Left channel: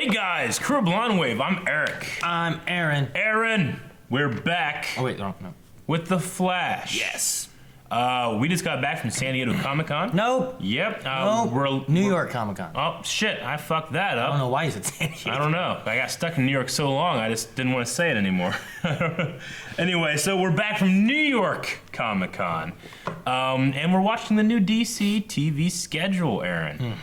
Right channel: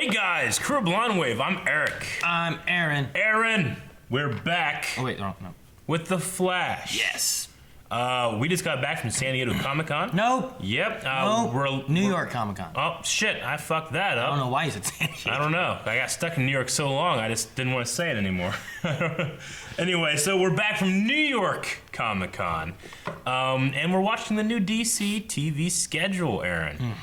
Hey guys, Crew of Blonde Wave. I'm Eric. I'm Aaron. Aaron, we're back Oh wait, no. with the Flash. Yes. We just got back from San Diego Comic-Con. Nope. Yep. No. New York Comic Con. Oh shit! I fucked that I up. don't know why you said San Diego. I don't know. I got stuck in New York so long, I just didn't want to say it anymore. Anyway, so we're back from New York Comic-Con, and we're watching the new DC TV schedule. Aaron,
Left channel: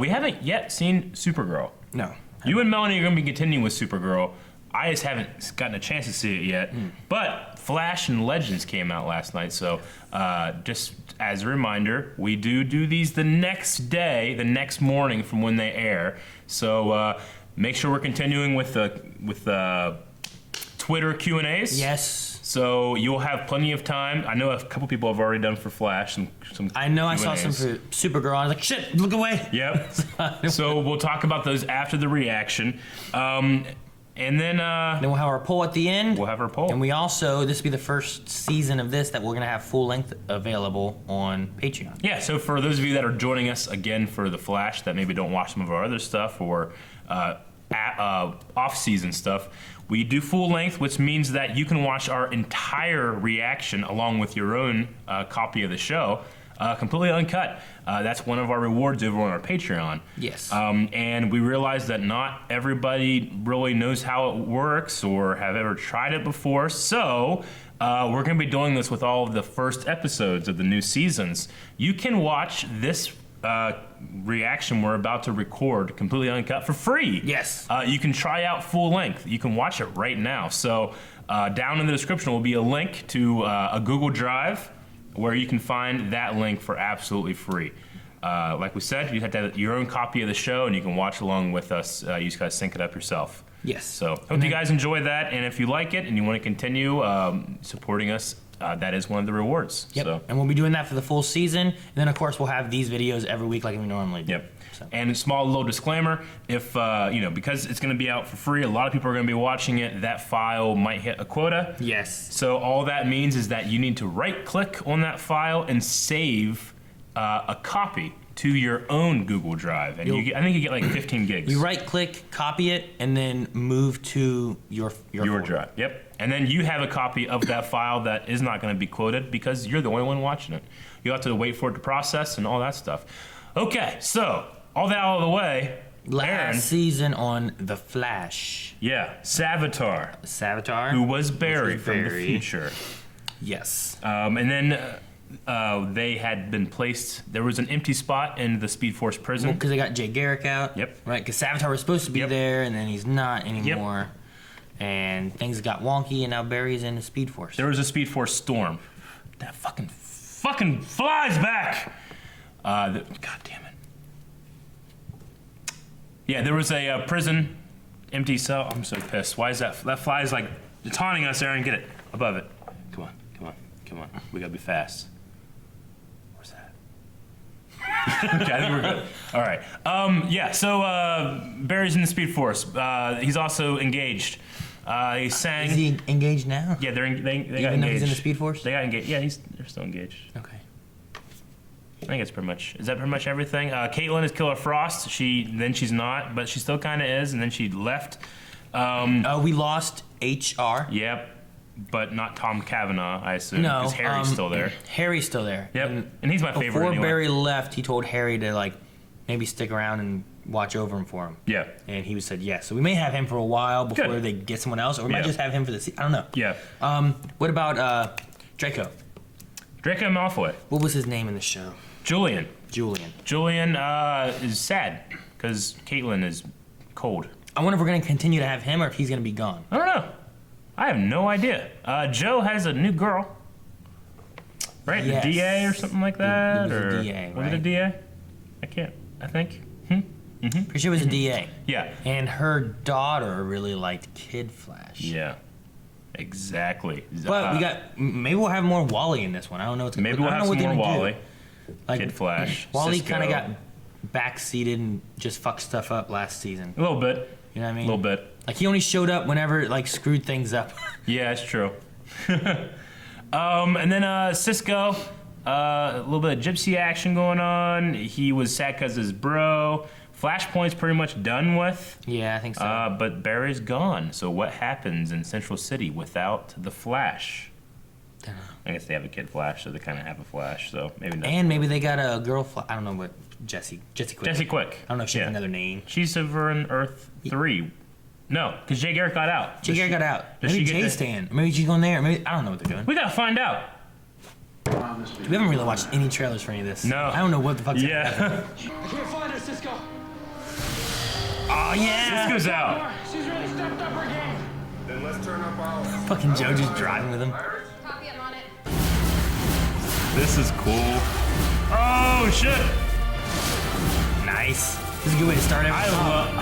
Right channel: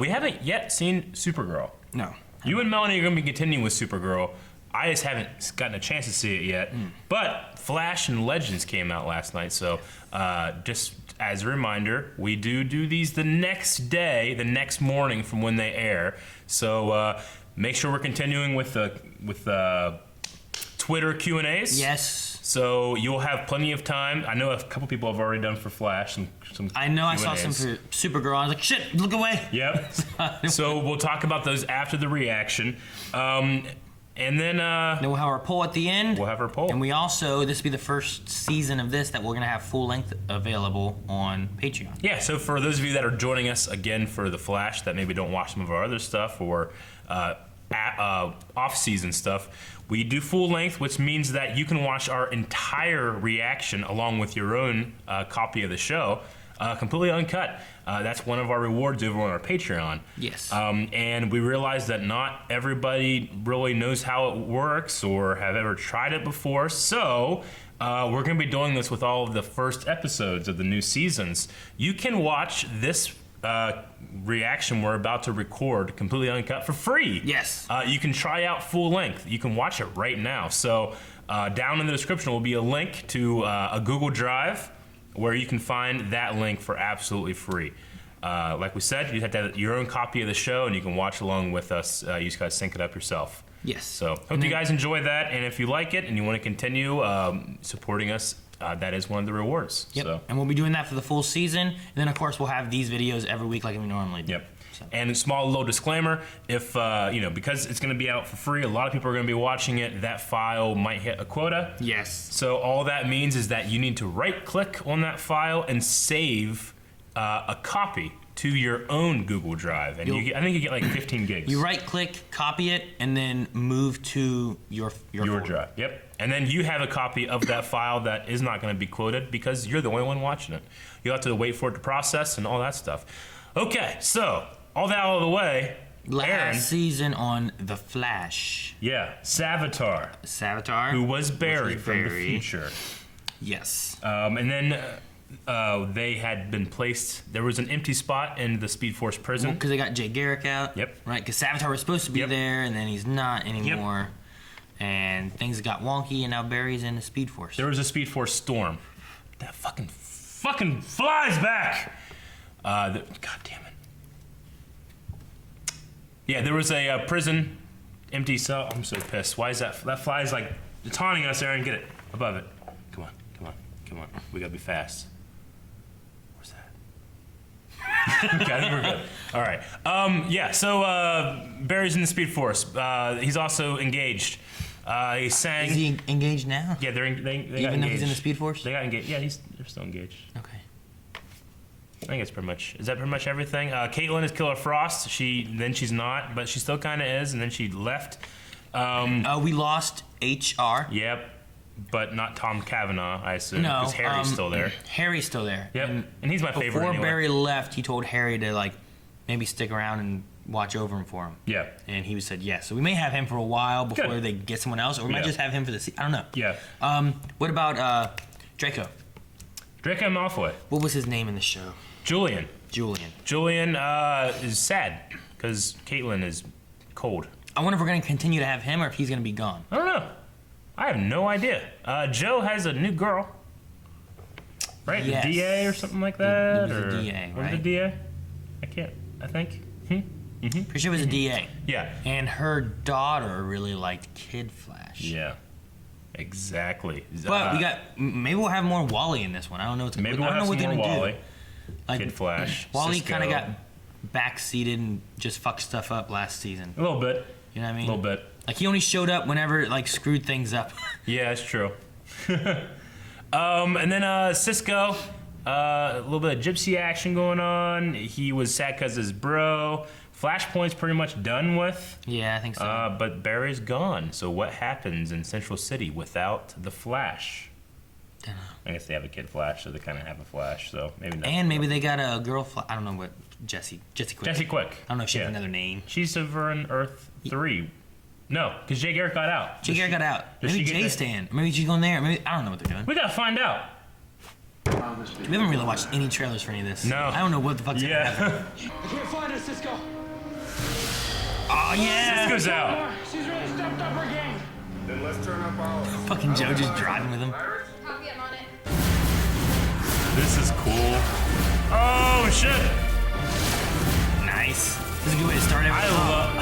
we haven't yet seen Supergirl. No. You and Melanie are going to be continuing with Supergirl. I just haven't gotten a chance to see it yet. But Flash and Legends came out last night, so just as a reminder, we do these the next day, the next morning from when they air. So make sure we're continuing with Twitter Q&As. Yes. So you'll have plenty of time. I know a couple people have already done for Flash. Some I know. Q&As. I saw some for Supergirl. I was like, shit, look away. Yep. So we'll talk about those after the reaction. And then Then we'll have our poll at the end. we'll have our poll. And we also, this will be the first season of this that we're going to have full length available on Patreon. Yeah, so for those of you that are joining us again for The Flash that maybe don't watch some of our other stuff or off-season stuff, we do full length, which means that you can watch our entire reaction along with your own copy of the show, completely uncut. That's one of our rewards over on our Patreon. Yes. And we realize that not everybody really knows how it works or have ever tried it before, so we're going to be doing this with all of the first episodes of the new seasons. You can watch this reaction we're about to record completely uncut for free. Yes. You can try out full length. You can watch it right now. So down in the description will be a link to a Google Drive where you can find that link for absolutely free. Like we said, you have to have your own copy of the show and you can watch along with us. You just gotta sync it up yourself. Yes. So hope you guys enjoy that, and if you like it and you want to continue supporting us, that is one of the rewards. Yep. So. And we'll be doing that for the full season. And then, of course, we'll have these videos every week like we normally do. Yep. So. And a small little disclaimer, if, because it's going to be out for free, a lot of people are going to be watching it, that file might hit a quota. Yes. So all that means is that you need to right-click on that file and save a copy to your own Google Drive. And I think you get like 15 gigs. You right-click, copy it, and then move to your drive. Yep. And then you have a copy of that file that is not going to be quoted because you're the only one watching it. You'll have to wait for it to process and all that stuff. Okay, so all that out of the way. Last Aaron, season on The Flash. yeah, Savitar. who was Barry from the future. Yes. And then they had been placed. There was an empty spot in the Speed Force prison. Because they got Jay Garrick out. Yep. Right, because Savitar was supposed to be Yep. there, and then he's not anymore. And things got wonky, and now Barry's in the Speed Force. There was a Speed Force storm. That fucking flies back. God damn it. Yeah, there was a prison empty cell. I'm so pissed. Why is that? That fly is like taunting us, Aaron. Get it above it. Come on. We gotta be fast. Where's that? Okay, I think we're good. All right. Yeah. So Barry's in the Speed Force. He's also engaged. He sang. Is he engaged now? Yeah, they got Even though engaged. he's in the Speed Force? They got engaged. Yeah, they're still engaged. Okay. I think it's pretty much. Is that pretty much everything? Caitlin is Killer Frost. She's not, but she still kind of is, and then she left. We lost HR. Yep, but not Tom Cavanaugh, I assume. No. Because Harry's still there. Harry's still there. Yep, and he's my favorite. Before anyway. Barry left, he told Harry to maybe stick around and watch over him for him. Yeah. And he said yes. So we may have him for a while before Good. they get someone else, or we might just have him for the season. I don't know. Yeah. What about Draco? Draco Malfoy. What was his name in the show? Julian. Julian. Is sad because Caitlin is cold. I wonder if we're going to continue to have him or if he's going to be gone. I don't know. I have no idea. Joe has a new girl. Right? Yes. The DA or something like that? It was a or DA, was it a right? DA? I think. Pretty sure it was a DA. Yeah. And her daughter really liked Kid Flash. Yeah. Exactly. But maybe we'll have more Wally in this one. I don't know what's Maybe we'll have some more Wally. Like, Kid Flash. Wally Cisco. kind of got backseated and just fucked stuff up last season. A little bit. You know what I A mean? little bit. Like he only showed up whenever it screwed things up. Yeah, it's true. And then Cisco, a little bit of gypsy action going on. He was sad because his bro Flashpoint's pretty much done with. Yeah, I think so. But Barry's gone. So what happens in Central City without the Flash? I guess they have a kid Flash, so they kind of have a Flash. So maybe not. And maybe they got a girl. I don't know what Jesse Quick. Jesse Quick. I don't know if she has another name. She's over in Earth 3. No, because Jay Garrick got out. Jay Garrick got out. Does Maybe she get Jay's staying. Maybe she's going there. Maybe I don't know what they're doing. We gotta find out. We haven't really watched any trailers for any of this. No. I don't know what the fuck's gonna happen. I can't find her, Cisco. Oh yeah. Cisco's out. More. She's really stepped up her game. Then let's turn up ours. Fucking Joe just driving with him. Iris? Copy, I'm on it. This is cool. Oh shit! Nice. This is a good way to start it. I love.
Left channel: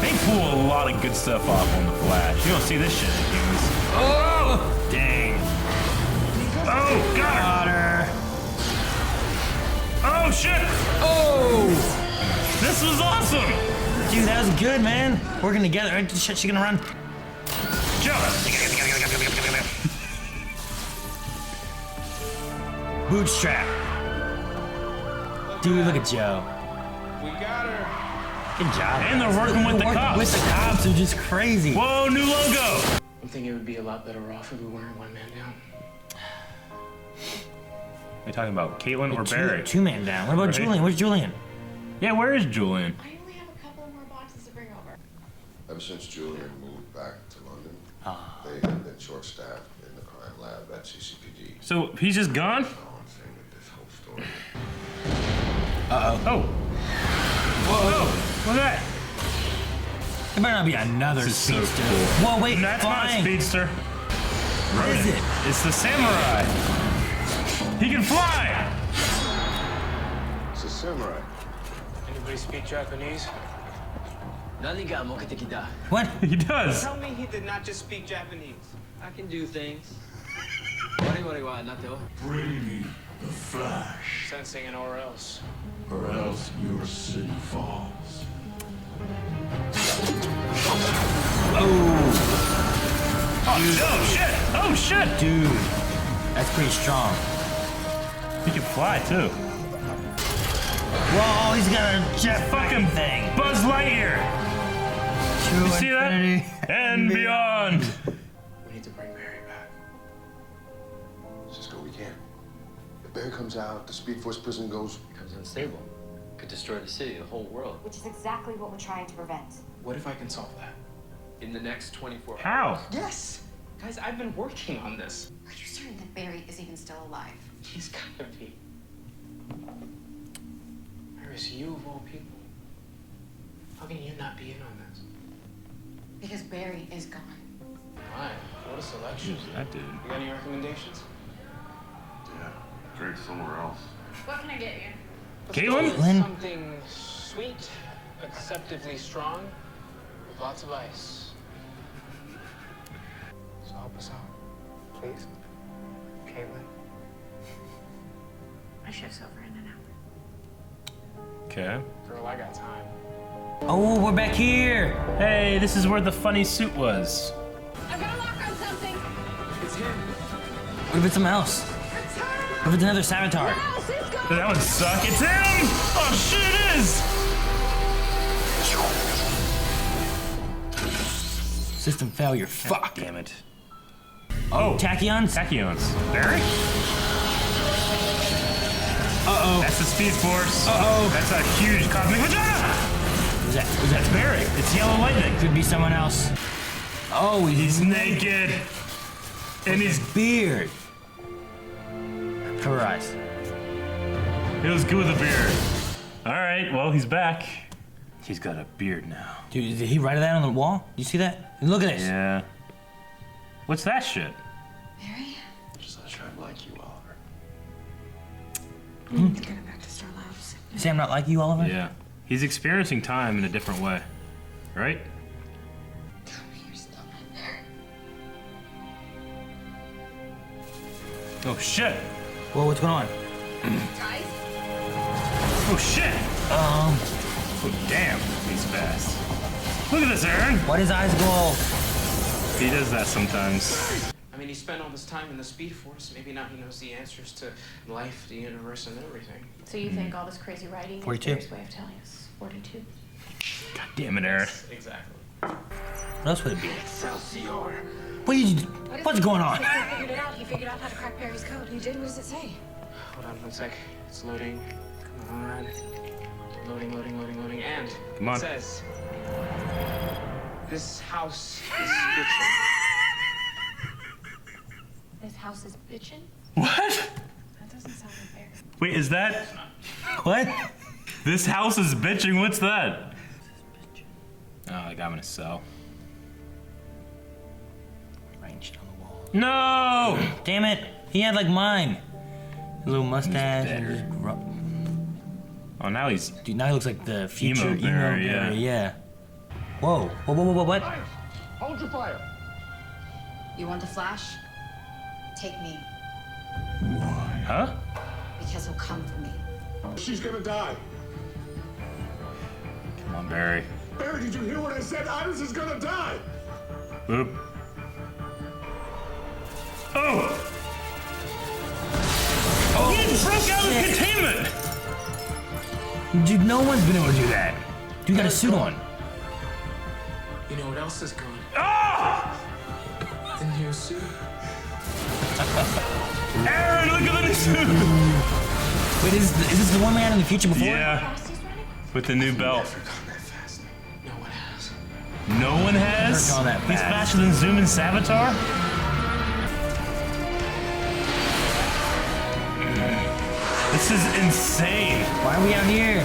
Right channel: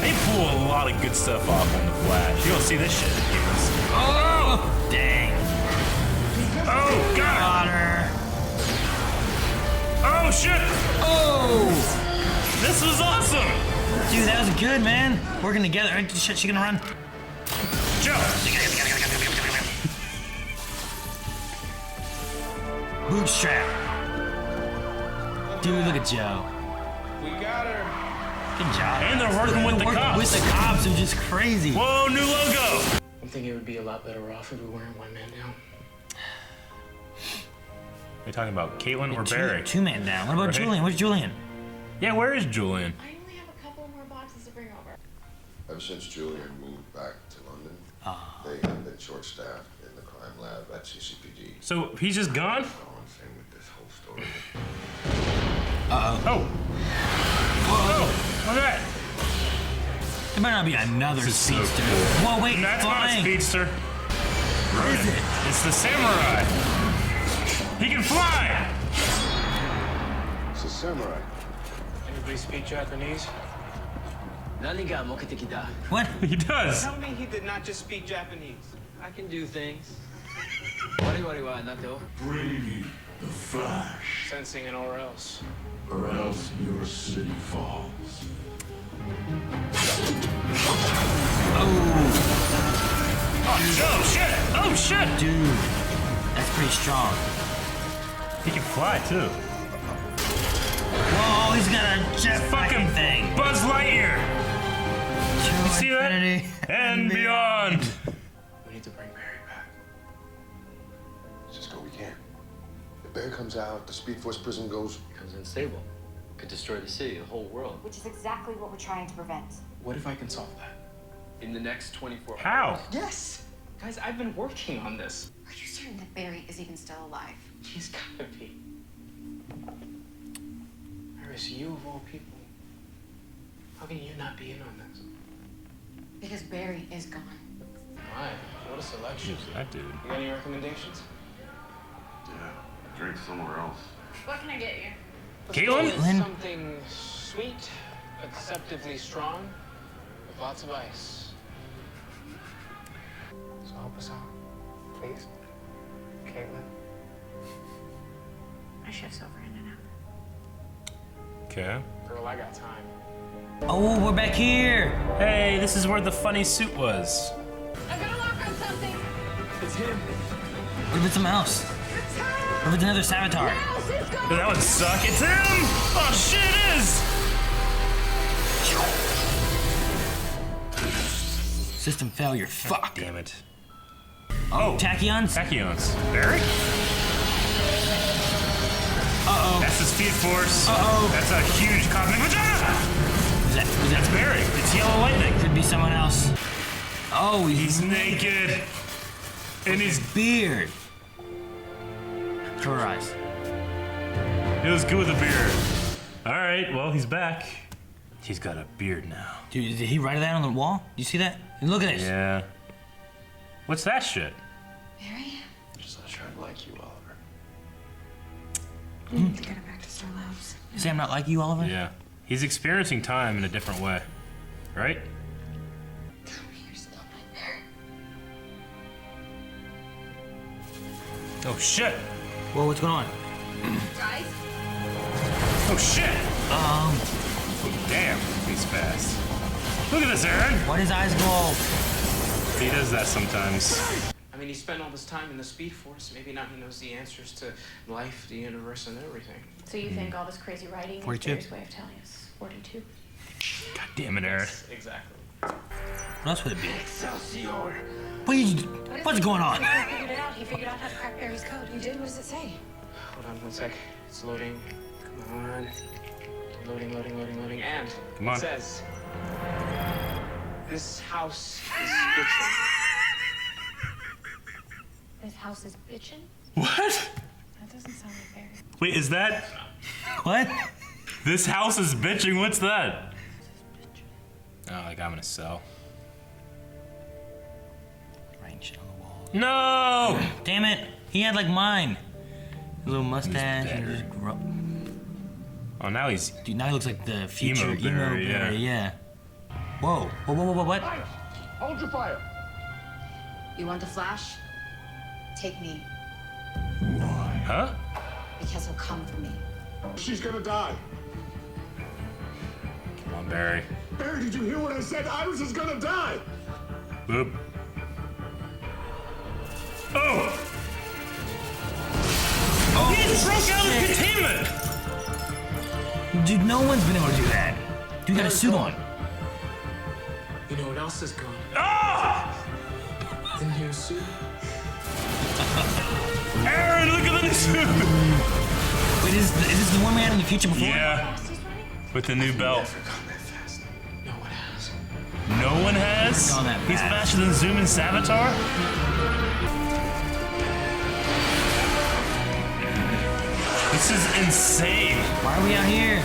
They pull a lot of good stuff off on the Flash. You don't see this shit in games. Oh dang. Oh god! Got her. Oh shit! Oh. This was awesome! Dude, that was good, man. Working together. Shit, she gonna run. Jump! Bootstrap. Dude, look at Joe. We got her. Good job. And they're working with the cops. With the cops, which is crazy. Whoa, new logo! I'm thinking it would be a lot better off if we weren't one man down. Are you talking about Caitlin or Barry? Two-man down. What about Right. Julian? Where's Julian? Yeah, where is Julian? I only have a couple more boxes to bring over. Ever since Julian moved back to London, they have been short-staffed in the crime lab at CCPD. So he's just gone? Go on, same with this whole story. Oh. Whoa. Look at that. There better not be another This is so speedster. cool. Whoa, wait, And that's not a flying. speedster. What is it? It's the samurai. He can fly! It's a samurai. Anybody speak Japanese? Naniga mokitekida. What? He does. Tell me he did not just speak Japanese. I can do things. Wari wari wa nato. Bring me the Flash, Sensing an or else. or else your city falls. Oh shit! Oh shit! Dude, that's pretty strong. He can fly too. Whoa, he's got a jet Fucking thing. Buzz Lightyear! To You see that? infinity And beyond. We need to bring Barry back. Cisco, we can't. If Barry comes out, the Speed Force prison goes. Becomes unstable. Could destroy the city, the whole world. Which is exactly what we're trying to prevent. What if I can solve that? In the next 24 How? hours. Yes! Guys, I've been working on this. Are you certain that Barry is even still alive? He's gotta be. Iris, you of all people. How can you not be in on this? Because Barry is gone. My, what a selection. That dude. You got any recommendations? Yeah, drink somewhere else. What can I get you? Let's go Caitlin? with something sweet, acceptably strong, with lots of ice. So help us out, please. Caitlin. My shift's over in an hour. Okay. Girl, I got time. Oh, we're back here. Hey, this is where the funny suit was. I'm gonna lock on something! It's him. What if it's something else? What if it's another Savitar? Now, Cisco! That would suck. It's him! Oh shit, it is! System failure. Fuck. Damn it. Oh, tachyons? Tachyons. Barry? Uh-oh. That's the Speed Force. Uh-oh. That's a huge cosmic vagina! Is That's that Barry. It's yellow lightning. could be someone else. Oh, He's naked. And he's beard. Cover her eyes. He was good with a beard. Alright, well, he's back. He's got a beard now. Dude, did he write that on the wall? You see that? Look at this. Yeah. What's that shit? Barry? Just not trying to like you, Oliver. We need to get him back to Star Labs. Say I'm not like you, Oliver? Yeah. He's experiencing time in a different way. Right? Tell me you're still my Barry. Oh shit! Whoa, what's going on? Guys? Oh shit! Damn, he's fast. Look at this, Aaron! Why does his eyes go? He does that sometimes. I mean, he spent all this time in the Speed Force. Maybe now he knows the answers to life, the universe, and everything. So you think all this crazy writing is 42. Barry's way of telling us? 42. God damn it, Aaron. Exactly. What else would it be? Excelsior! What's going on? This guy figured it out. He figured out how to crack Barry's code. You did? What does it say? Hold on 1 sec. It's loading. Come on. Loading, loading, loading, loading. And Come on. it says, this house is bitchin'. This house is bitchin'? What? That doesn't sound like Barry. Wait, is that What? this house is bitching? What's that? Oh, like I'm gonna sell. Writing shit on the wall. No! Damn it! He had like mine. A little mustache. And better. just Oh, now he's. Dude, now he looks like the future Emo emo Barry, Barry, yeah. Whoa. Whoa, what? Hold your fire. You want the Flash? Take me, Huh? because he'll come for me. She's gonna die. Come on, Barry. Barry, did you hear what I said? Iris is gonna die. Boop. Oh! He broke out of containment! Dude, no one's been able to do that. Dude got a suit on. You know what else is gone? Ah! The new suit. Aaron, look at the suit! Wait, is this the one we had in the future before? Yeah, Fast he's running? with the new belt. Never gone that fast. No one has. No one has? Never gone that He's fast. faster than Zoom and Savitar? This is insane. Why are we out here?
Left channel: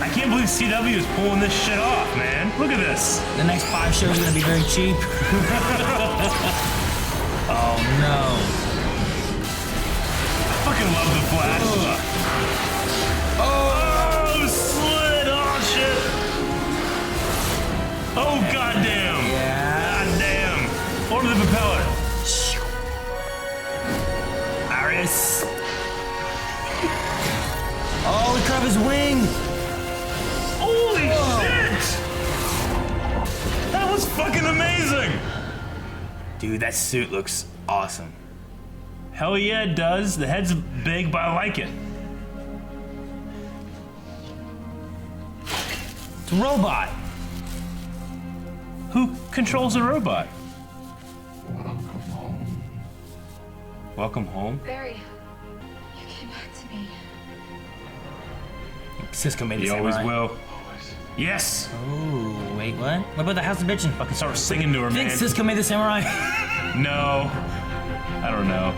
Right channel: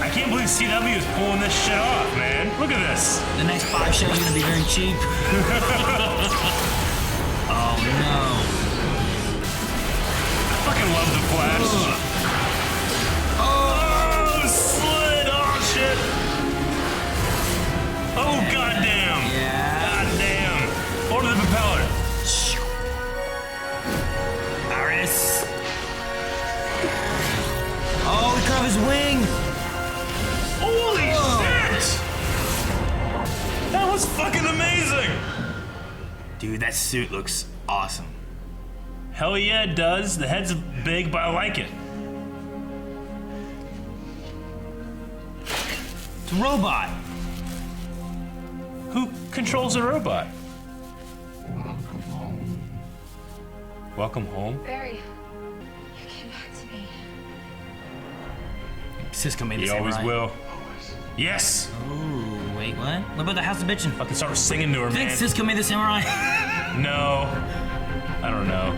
I can't believe CW is pulling this shit off, man. Look at this. The next 5 shows are gonna be very cheap. Oh no. Fucking love the Flash. Oh, slid. Oh, shit. Oh, goddamn. Yeah. Goddamn. Order the propeller. Iris. Oh, we cut off his wing. Holy shit. That was fucking amazing. Dude, that suit looks awesome. Hell yeah, it does. The head's big, but I like it. It's a robot. Who controls a robot? Welcome home. Welcome home. Barry, you came back to me. Cisco made it. He always will. Always. Yes. Ooh, wait, what? What about the House of Bitchin'? Fucking start singing to her, I think man. Cisco made the samurai. No. I don't know.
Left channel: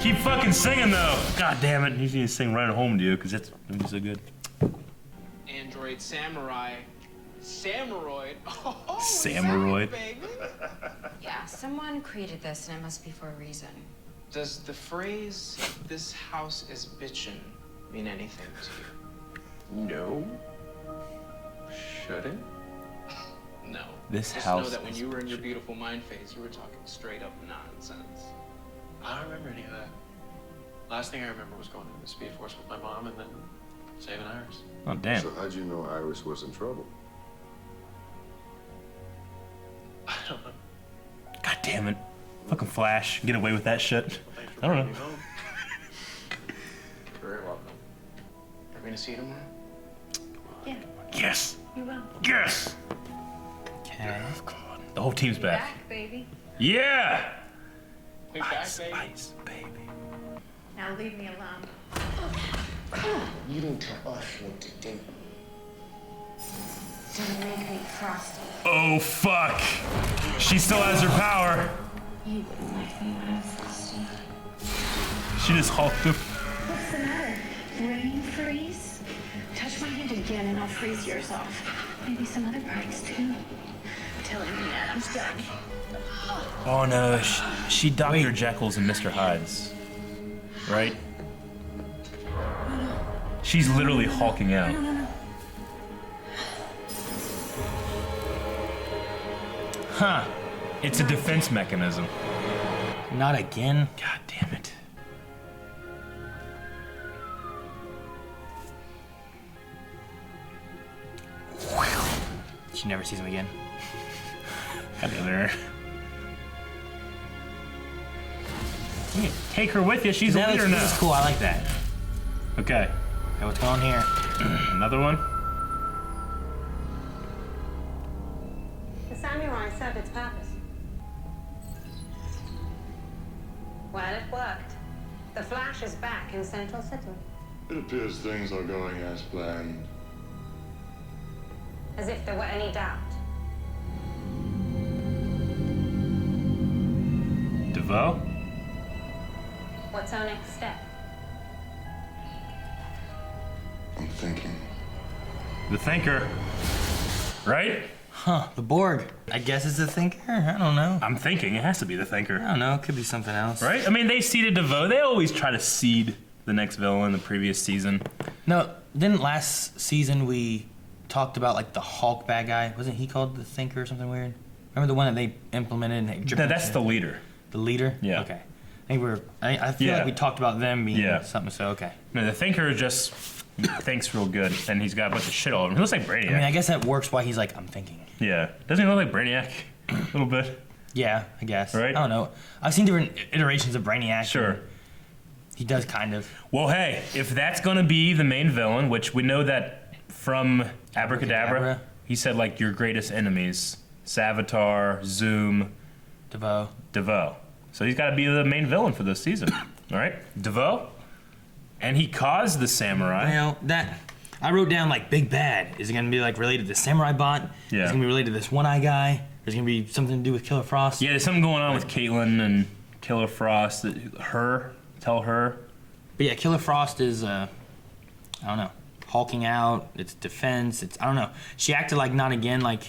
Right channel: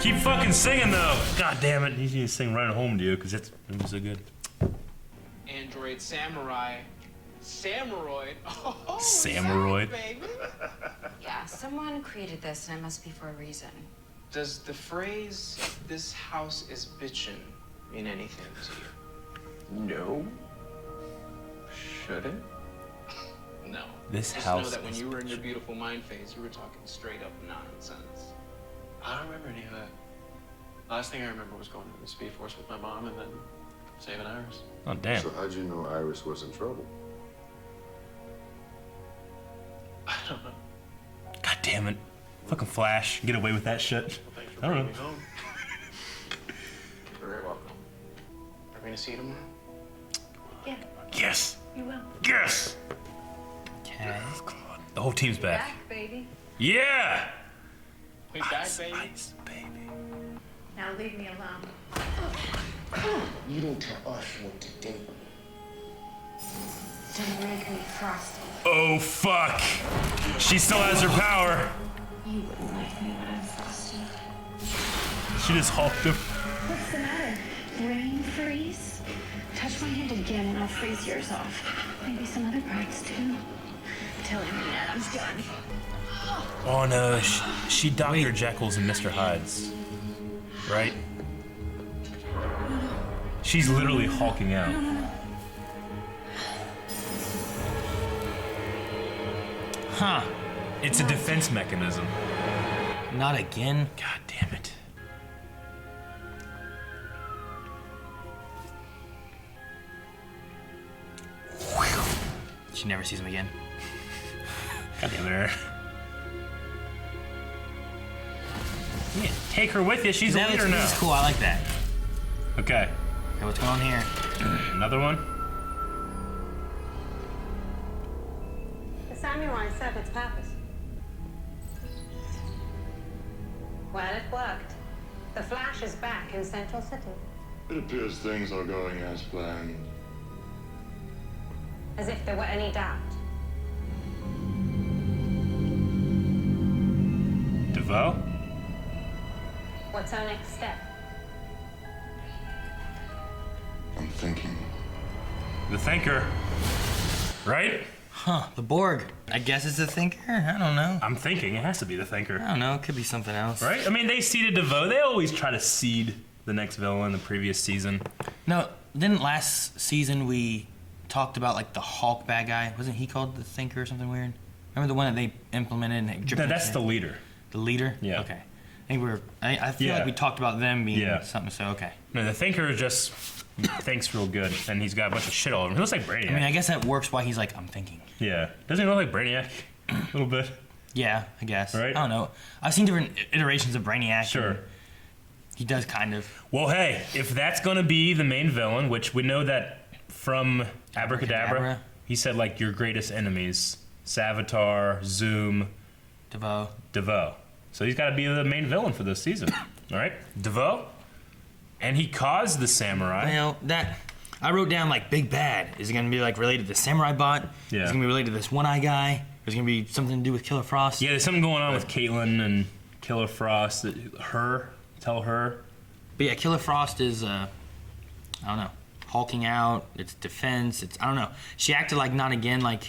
Keep fucking singing though. God damn it. He's gonna sing right home to you because it's so good. Android Samurai. Samuroid. Oh, is that Samuroid. it, baby? Yeah, someone created this, and it must be for a reason. Does the phrase, this house is bitchin', mean anything to you? No. Should it? No. This Just house know that when is you were in your beautiful mind phase, you were talking straight up nonsense. I don't remember any of that. Last thing I remember was going into the Speed Force with my mom and then saving Iris. Oh damn. So how'd you know Iris was in trouble? I don't know. God damn it. Fucking Flash. Get away with that shit. Well, thanks for I don't bringing know. me home. You're very welcome. Are we gonna see you tomorrow? Yeah, Yes. you will. Yes. Okay. The whole team's back. Back, baby. Yeah. We back, baby. Nice, baby. Now leave me alone. You don't tell us what to do. Don't make me frosty. Oh fuck. She still has her power. You wouldn't like me when I'm frosty. She just hulked him. What's the matter? Rain freeze? Touch my hand again and I'll freeze yours off. Maybe some other parts too. Tell him that I'm done. Oh no. She Dr. Jekyll's and Mr. Hyde's. Right? She's literally hulking out. Huh. It's a defense mechanism. Not again. God damn it. She never sees him again. God damn it. You can take her with you. She's a That leader looks, now. that's cool. I like that. Okay. Okay, what's going on here? Another one. samurai served its purpose. Well, it worked. The Flash is back in Central City. It appears things are going as planned. As if there were any doubt. DeVoe? What's our next step? I'm thinking. The Thinker. Right? Huh, the Borg. I guess it's a thinker? I don't know. I'm thinking it has to be the Thinker. I don't know. It could be something else. Right? I mean, they seeded DeVoe. They always try to seed the next villain the previous season. No, didn't last season we talked about like the Hulk bad guy? Wasn't he called the Thinker or something weird? Remember the one that they implemented? And That's the leader. The leader? Yeah. Okay. I think I feel like we talked about them being something, so okay. No, the Thinker just thinks real good, and he's got a bunch of shit all over him. He looks like Brainiac. I mean, I guess that works why he's like, I'm thinking. Yeah. Doesn't he look like Brainiac? A little bit. Yeah, I guess. Right? I don't know. I've seen different iterations of Brainiac. Sure. He does kind of. Well, hey, if that's going to be the main villain, which we know that from Abracadabra, he said, like, your greatest enemies, Savitar, Zoom, DeVoe. So he's got to be the main villain for this season. All right? DeVoe. And he caused the samurai. Now, that... I wrote down, like, Big Bad. Is it going to be, like, related to the Samurai Bot? Yeah. Is it going to be related to this One-Eye guy? Is it going to be something to do with Killer Frost? Yeah, there's something going on with Caitlin and Killer Frost. Tell her. But yeah, Killer Frost is, I don't know, hulking out. It's defense. I don't know. She acted like not again, like,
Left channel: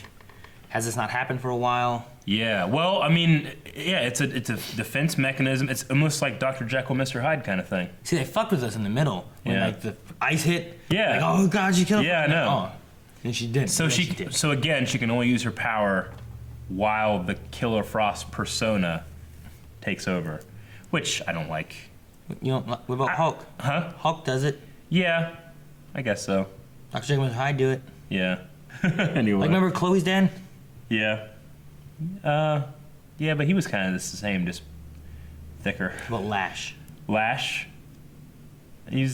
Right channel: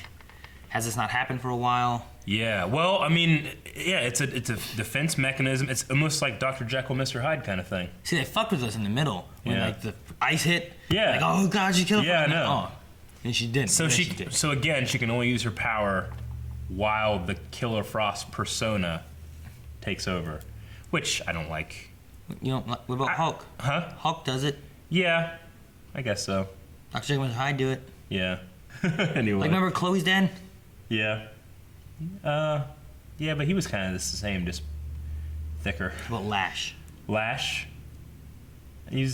has this not happened for a while? Yeah, well, I mean, yeah, it's a defense mechanism. It's almost like Dr. Jekyll, Mr. Hyde kind of thing. See, they fucked with us in the middle. When, like, the ice hit. Yeah. Like, oh, God, she killed him. Yeah, I know. Oh. And she didn't. So so again, she can only use her power while the Killer Frost persona takes over, which I don't like. You don't, what about Hulk? Huh? Hulk does it. Yeah, I guess so. Dr. Jekyll and Hyde do it. Yeah. Anyway. Like, remember Chloe's dad? Yeah. Yeah, but he was kind of the same, just thicker. Well, Lash. Lash. I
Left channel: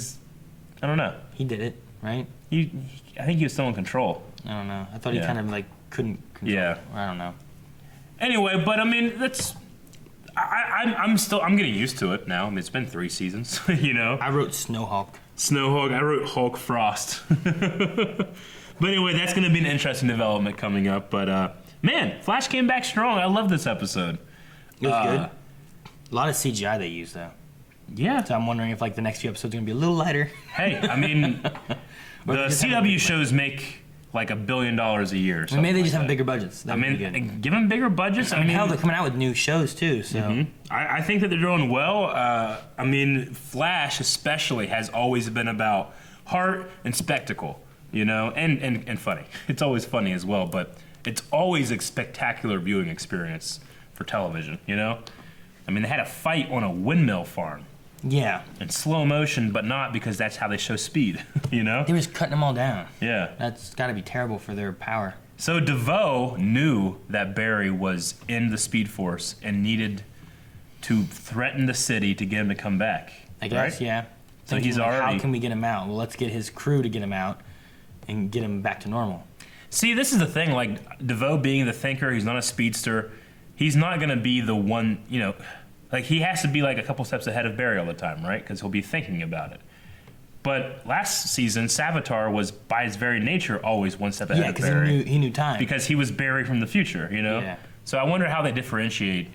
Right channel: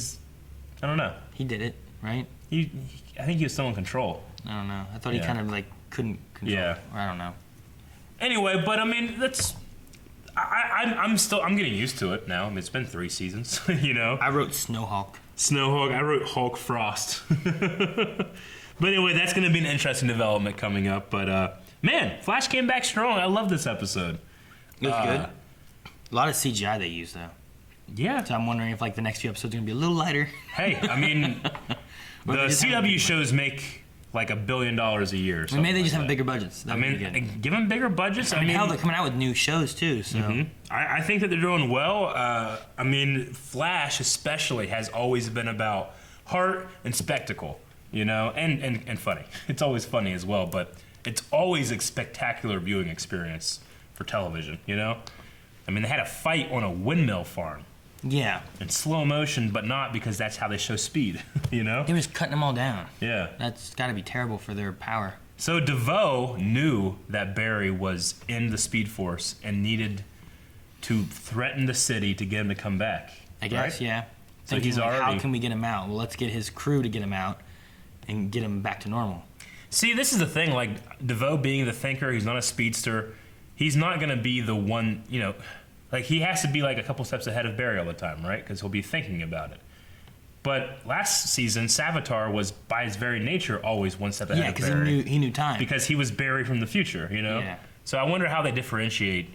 don't know. He did it, right? I think he was still in control. I don't know. I thought he kind of like couldn't control. Yeah. I don't know. Anyway, but I mean, I'm getting used to it now. I mean, it's been 3 seasons, you know. I wrote Snowhawk. I wrote Hulk Frost. But anyway, that's going to be an interesting development coming up. But man, Flash came back strong. I love this episode. It was good. A lot of CGI they used though. Yeah. So I'm wondering if like the next few episodes are gonna be a little lighter. Hey, I mean, the CW shows make like $1 billion a year. Maybe they just have bigger budgets. That'd be good. Give them bigger budgets. I mean, hell, they're coming out with new shows too. So I think that they're doing well. I mean, Flash especially has always been about heart and spectacle, you know, and funny. It's always funny as well, but it's always a spectacular viewing experience for television, you know. I mean, they had a fight on a windmill farm. Yeah. In slow motion, but not because that's how they show speed, you know? They were just cutting them all down. Yeah. That's got to be terrible for their power. So DeVoe knew that Barry was in the Speed Force and needed to threaten the city to get him to come back. I guess, right? yeah. So Thinking, he's like, already... How can we get him out? Well, let's get his crew to get him out and get him back to normal. See, this is the thing. Like, DeVoe being the thinker, he's not a speedster. He's not going to be the one, you know... Like, he has to be, like, a couple steps ahead of Barry all the time, right? Because he'll be thinking about it. But last season, Savitar was, by his very nature, always one step ahead of Barry. Yeah, because he knew time. Because he was Barry from the future, you know? Yeah. So I wonder how they differentiate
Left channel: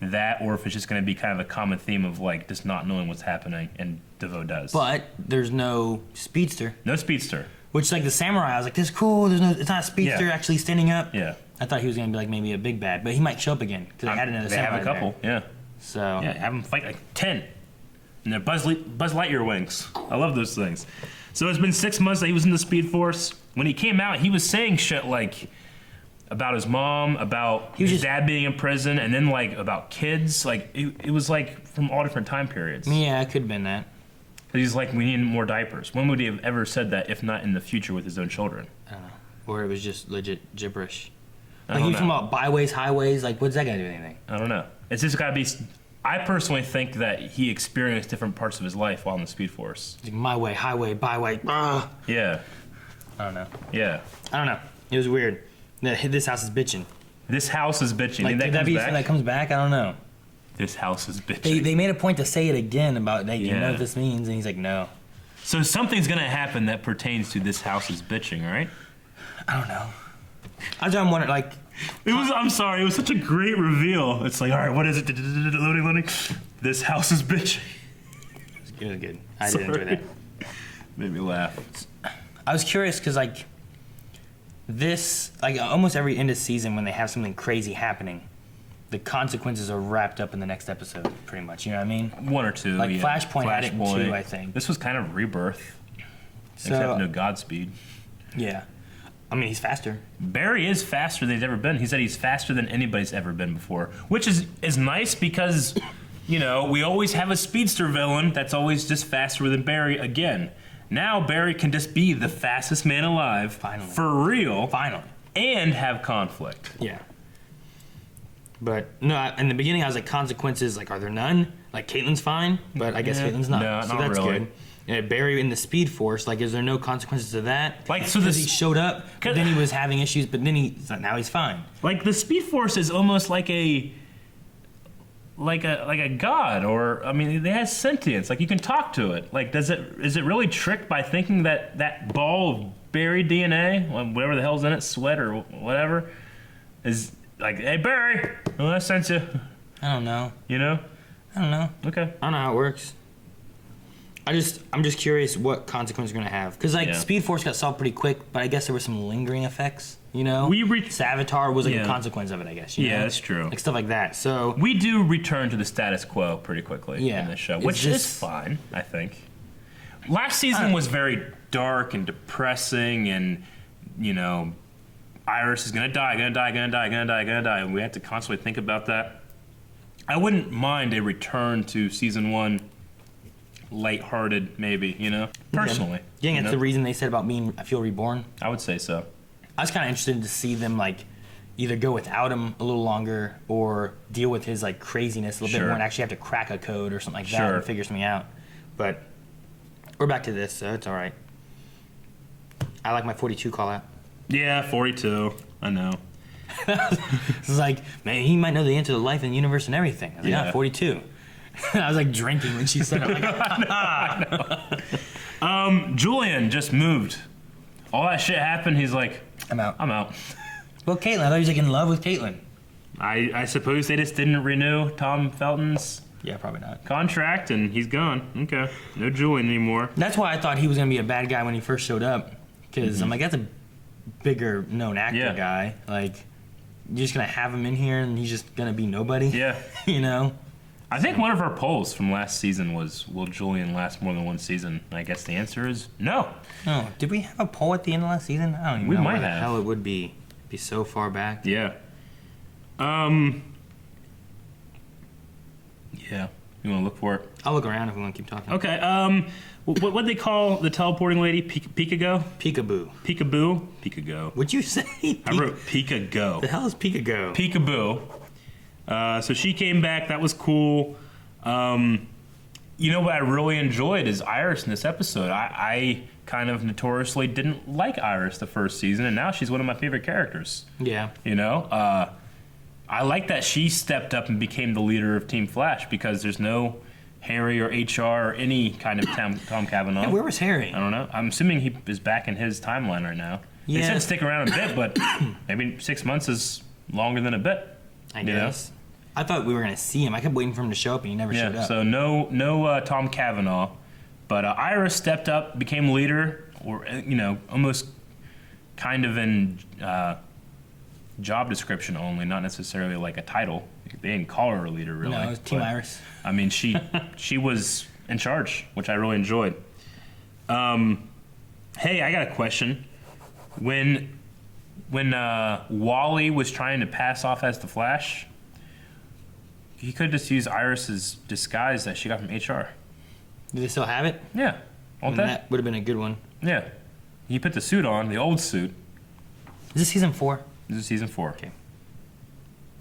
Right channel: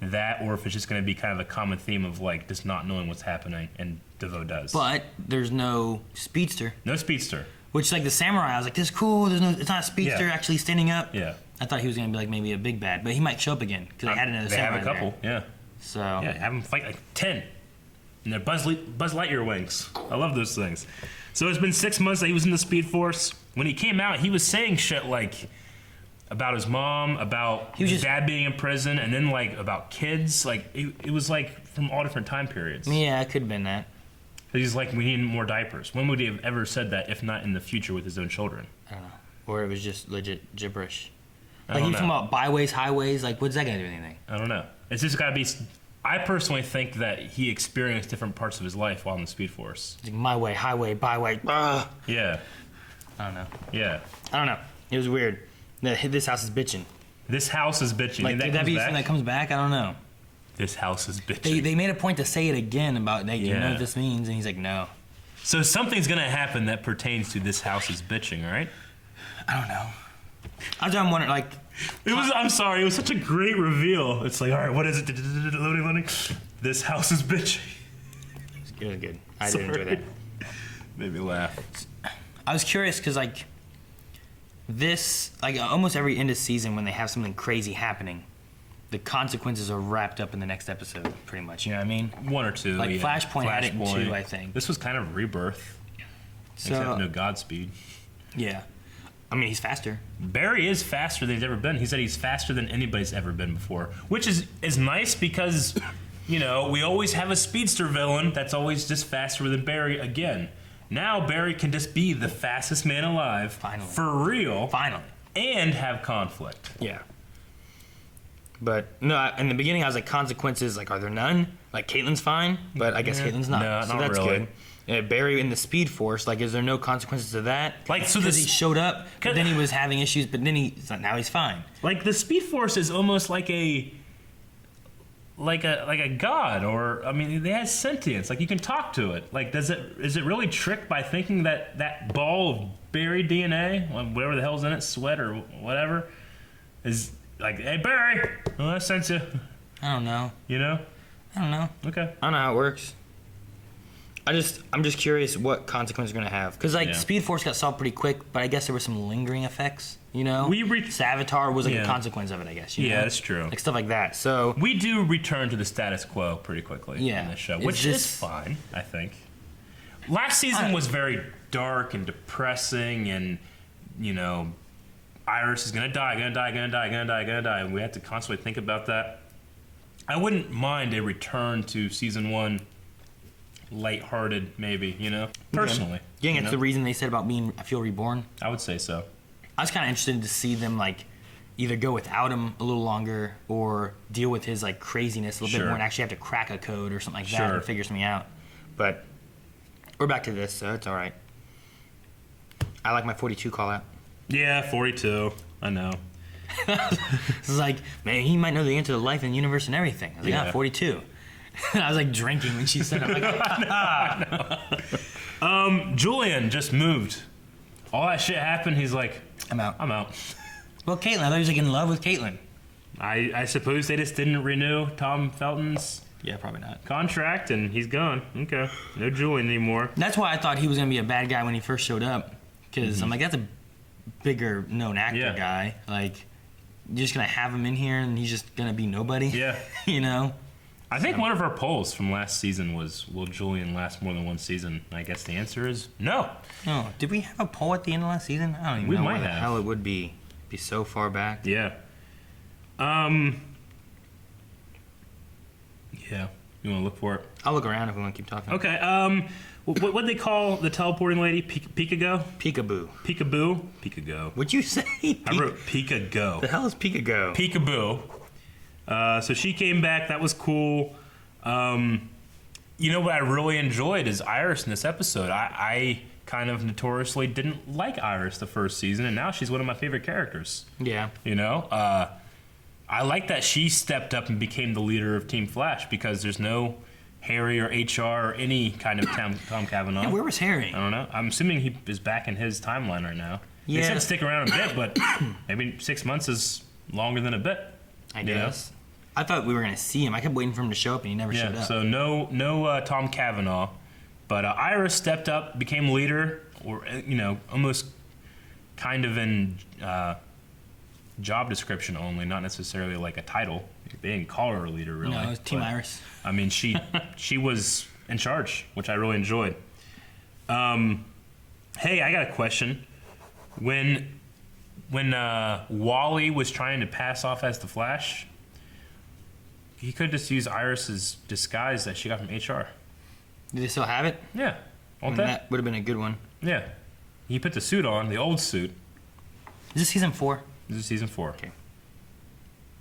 that, or if it's just going to be kind of a common theme of, like, just not knowing what's happening, and DeVoe does. But there's no speedster. No speedster. Which, like, the samurai, I was like, this is cool. It's not a speedster actually standing up. Yeah. I thought he was going to be, like, maybe a big bad. But he might show up again, because they had another samurai They have a couple, yeah. So yeah, have them fight like 10. And they're Buzz Lightyear wings. I love those things. So it's been 6 months that he was in the Speed Force. When he came out, he was saying shit like about his mom, about his dad being in prison, and then like about kids. Like it was like from all different time periods. Yeah, it could have been that. He's like, we need more diapers. When would he have ever said that, if not in the future with his own children? I don't know. Or it was just legit gibberish. Like he was talking about byways, highways. Like, what's that got to do with anything? I don't know. It's just got to be. I personally think that he experienced different parts of his life while in the Speed Force. Like my way, highway, byway. Yeah. I don't know. Yeah. I don't know. It was weird. This house is bitching. This house is bitching. Like, And could that be something that comes back? I don't know. This house is bitching. They made a point to say it again about, hey, do you know Yeah. what this means? And he's like, no. So something's gonna happen that pertains to this house is bitching, right? I don't know. I'm wondering, like, It was. I'm sorry. It was such a great reveal. It's like, all right, what is it? Loading. This house is bitching. it was good. I did enjoy that. Made me laugh. I was curious because, like, almost every end of season when they have something crazy happening, the consequences are wrapped up in the next episode, pretty much. You know what I mean? One or two. Like, yeah. Flashpoint had it in two, I think. This was kind of rebirth. Except no Godspeed. Yeah. I mean, he's faster. Barry is faster than he's ever been. He said he's faster than anybody's ever been before, which is nice because, you know, we always have a speedster villain that's always just faster than Barry again. Now Barry can just be the fastest man alive. Finally. For real. Finally. And have conflict. Yeah. But, no, in the beginning I was like, consequences, like, are there none? Like, Caitlin's fine, but I guess Caitlin's not. No, so not that's really. good. Yeah, Barry in the Speed Force, like, is there no consequences to that? Like, so because this- he showed up, but then he was having issues, but then now he's fine. Like the Speed Force is almost like a god, or I mean, it has sentience. Like you can talk to it. Like, is it really tricked by thinking that ball of Barry DNA, whatever the hell's in it, sweat or whatever, is like, hey Barry, well, I sent you. I don't know. You know? I don't know. Okay. I don't know how it works. I'm just curious what consequences are going to have. Because, like, Yeah. Speed Force got solved pretty quick, but I guess there were some lingering effects, you know? Savitar was, like, Yeah. a consequence of it, I guess. You know? That's true. Like, stuff like that. So, We do return to the status quo pretty quickly Yeah. in this show, Is which this- is fine, I think. Last season was very dark and depressing, and, you know, Iris is gonna die, and we have to constantly think about that. I wouldn't mind a return to season one, lighthearted, maybe, you know, personally. yeah, you that's know? the reason they said about I feel reborn. I would say so. I was kind of interested to see them, like, either go without him a little longer or deal with his, like, craziness a little bit Sure. more and actually have to crack a code or something like that Sure. and figure something out. But we're back to this, so it's all right. I like my 42 call out. Yeah, 42. I know. It's like, man, he might know the answer to life and the universe and everything. I was like, Yeah. yeah, 42. I was like drinking when she said it. I'm like, Julian just moved. All that shit happened. He's like, I'm out. I'm out. Well, Caitlin, I thought he was like in love with Caitlin. I suppose they just didn't renew Tom Felton's Yeah, probably not. contract, and he's gone. Okay, no Julian anymore. That's why I thought he was going to be a bad guy when he first showed up. Because I'm like, that's a bigger known actor Yeah. guy. Like, you're just going to have him in here and he's just going to be nobody. Yeah. You know? I think one of our polls from last season was, will Julian last more than one season? I guess the answer is no. No. Did we have a poll at the end of last season? I don't even We know might where the have. hell it would be. Be so far back. Yeah. Yeah. You want to look for it? I'll look around if we want to keep talking. Okay. What they call the teleporting lady? Peekago? Peekaboo. Peekaboo? Peekago. What'd you say? I wrote Peekago. The hell is Peekago? Peekaboo. So she came back. That was cool. You know what I really enjoyed is Iris in this episode. I kind of notoriously didn't like Iris the first season, and now she's one of my favorite characters. Yeah. You know? I like that she stepped up and became the leader of Team Flash because there's no Harry or HR or any kind of Tom Cavanaugh. Yeah, where was Harry? I don't know. I'm assuming he is back in his timeline right now. He Yeah. said stick around a bit, but maybe 6 months is longer than a bit. I you know? guess. I thought we were going to see him. I kept waiting for him to show up, and he never showed Yeah, up. so no Tom Cavanaugh, but Iris stepped up, became leader, or you know, almost kind of in job description only, not necessarily like a title. They didn't call her a leader, really. No, it was Team but, Iris. I mean, she was in charge, which I really enjoyed. Hey, I got a question. When Wally was trying to pass off as the Flash, he could just use Iris's disguise that she got from HR. Do they still have it? Yeah, won't And they? that would have been a good one. Yeah, he put the suit on, the old suit. Is this season 4? This is season 4. Okay.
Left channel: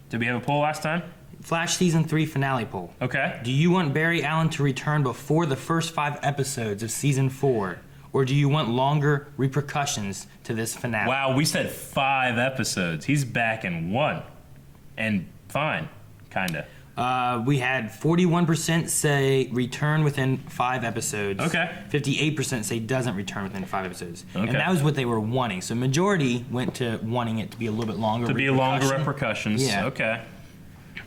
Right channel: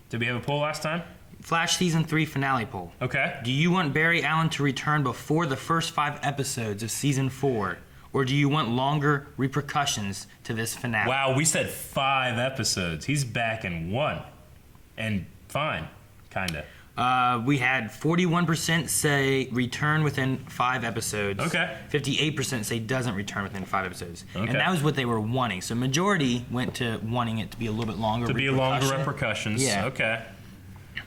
Did we have a poll last time? Flash season 3 finale poll. Okay. Do you want Barry Allen to return before the first 5 episodes of season 4? Or do you want longer repercussions to this finale? Wow, we said 5 episodes. He's back in 1. and fine, kind of. We had 41% say return within 5 episodes. Okay. 58% say doesn't return within 5 episodes. Okay. And that was what they were wanting. So majority went to wanting it to be a little bit longer. To be a longer repercussions. Yeah. Okay.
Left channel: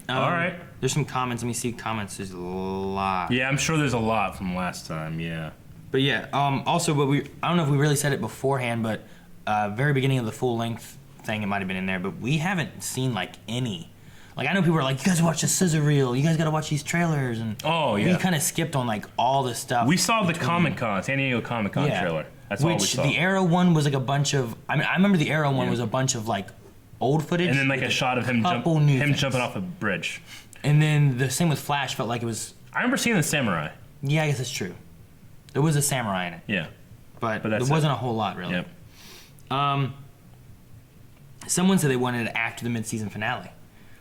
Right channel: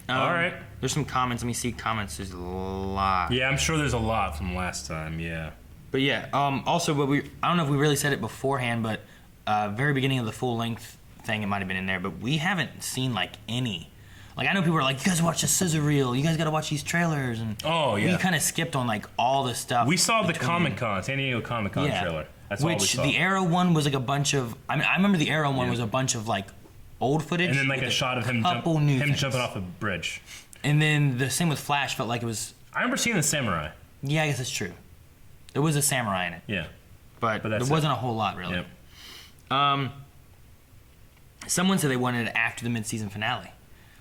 All right. There's some comments. Let me see comments. There's a lot. Yeah, I'm sure there's a lot from last time. Yeah. But yeah. Also, I don't know if we really said it beforehand, but very beginning of the full length thing, it might have been in there. But we haven't seen like any. Like, I know people are like, you guys watch the scissor reel. You guys got to watch these trailers. And we kind of skipped on, like, all the stuff. We saw the Comic-Con, San Diego Comic-Con trailer. That's all we saw. The Arrow one was, like, a bunch of... I mean, I remember the Arrow one was a bunch of, like, old footage. And then, like, a shot of him jumping off a bridge. And then the same with Flash felt like it was... I remember seeing the samurai. Yeah, I guess that's true. There was a samurai in it. Yeah. But there wasn't a whole lot, really. Yep. Someone said they wanted it after the mid-season finale.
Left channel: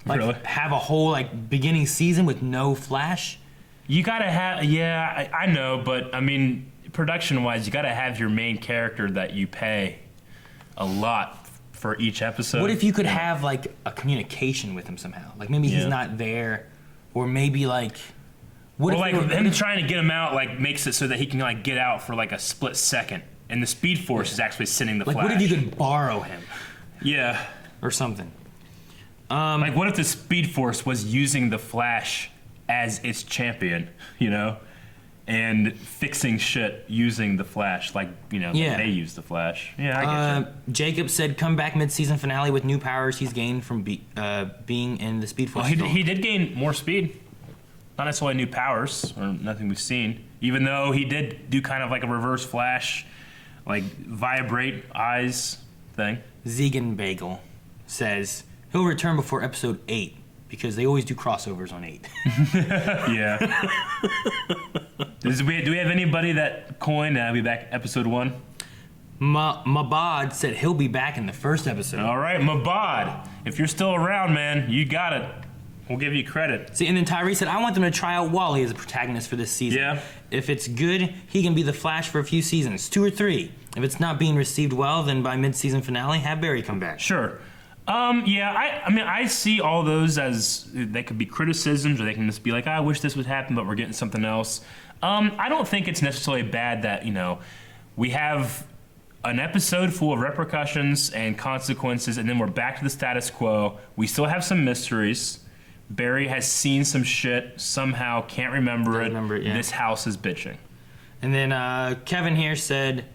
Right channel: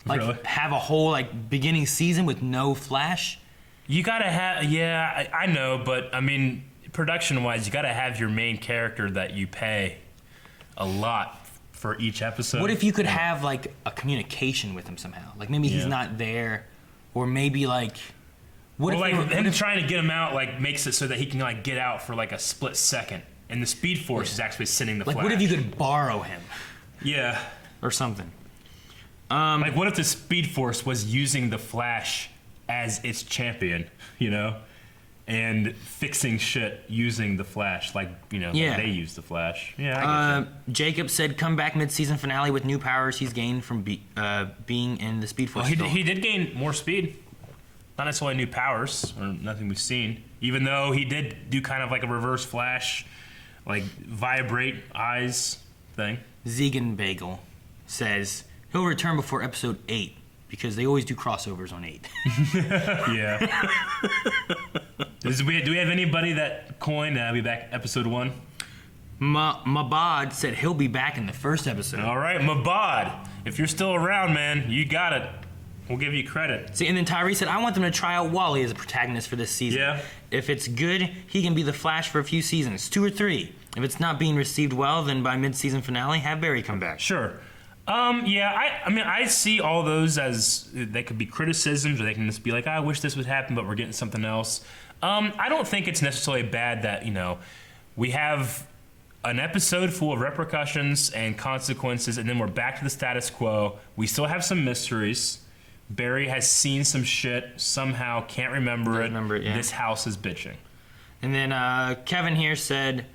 Like, have a whole, like, beginning season with no Flash? You gotta have... Yeah, I know, but, I mean, production-wise, you gotta have your main character that you pay a lot for each episode. What if you could have, like, a communication with him somehow? Like, maybe he's not there, or maybe, like... Him trying to get him out, like, makes it so that he can, like, get out for, like, a split second. And the Speed Force is actually sending the Flash. Like, what if you could borrow him? Yeah. Or something. Like, what if the Speed Force was using the Flash as its champion, you know? And fixing shit using the Flash, like, you know, like they use the Flash. Yeah, I get you. Jacob said, come back mid-season finale with new powers he's gained from being in the Speed Force. Oh, he did gain more speed. Not necessarily new powers, or nothing we've seen. Even though he did do kind of like a reverse Flash, like, vibrate eyes thing. Zegan Bagel says... He'll return before episode 8 because they always do crossovers on 8. Yeah. Do we have anybody that coined be back episode 1? Mabad said he'll be back in the first episode. All right, Mabad. If you're still around, man, you got it. We'll give you credit. See, and then Tyree said, I want them to try out Wally as a protagonist for this season. Yeah. If it's good, he can be the Flash for a few seasons, 2 or 3. If it's not being received well, then by mid-season finale, have Barry come back. Sure. Yeah, I mean, I see all those as they could be criticisms, or they can just be like, I wish this would happen, but we're getting something else. I don't think it's necessarily bad that, you know, we have an episode full of repercussions and consequences, and then we're back to the status quo. We still have some mysteries. Barry has seen some shit, somehow can't remember it. Yeah. This house is bitching. And then Kevin here said...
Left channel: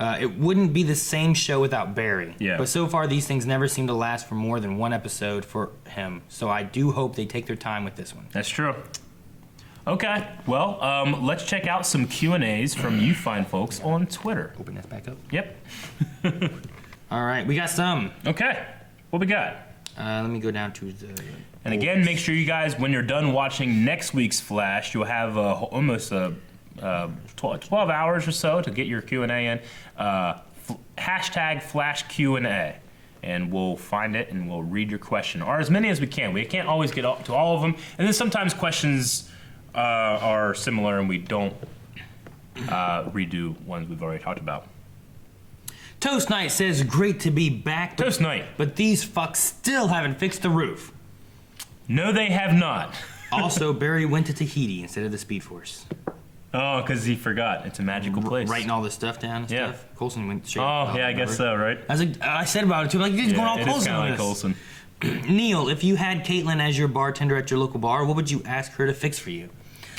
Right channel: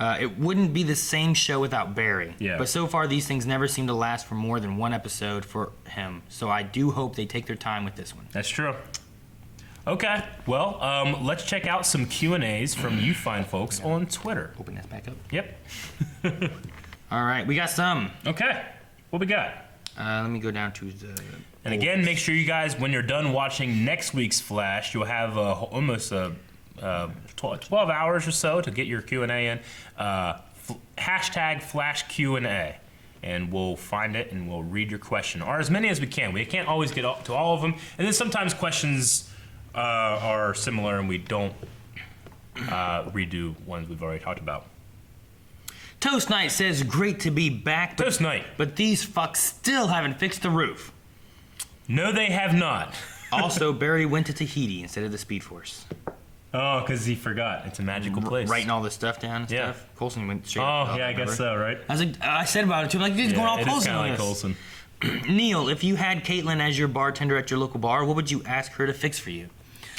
it wouldn't be the same show without Barry. Yeah. But so far, these things never seem to last for more than one episode for him. So I do hope they take their time with this one. That's true. Okay. Well, let's check out some Q&As from you fine folks on Twitter. Open that back up. Yep. All right. We got some. Okay. What we got? Let me go down to the... And again, make sure you guys, when you're done watching next week's Flash, you'll have almost 12 hours or so to get your Q&A in. Hashtag Flash Q&A, and we'll find it and we'll read your question, or as many as we can. We can't always get to all of them, and then sometimes questions are similar and we don't redo ones we've already talked about. Toast Knight says, great to be back. Toast Knight. But these fucks still haven't fixed the roof. No, they have not. Also, Barry went to Tahiti instead of the Speed Force. Oh, because he forgot. It's a magical place. Writing all this stuff down and stuff. Coulson went straight up. Yeah, I guess so, right? I said about it too. I'm like, dude, going all Coulson on this. Coulson. Neil, if you had Caitlin as your bartender at your local bar, what would you ask her to fix for you?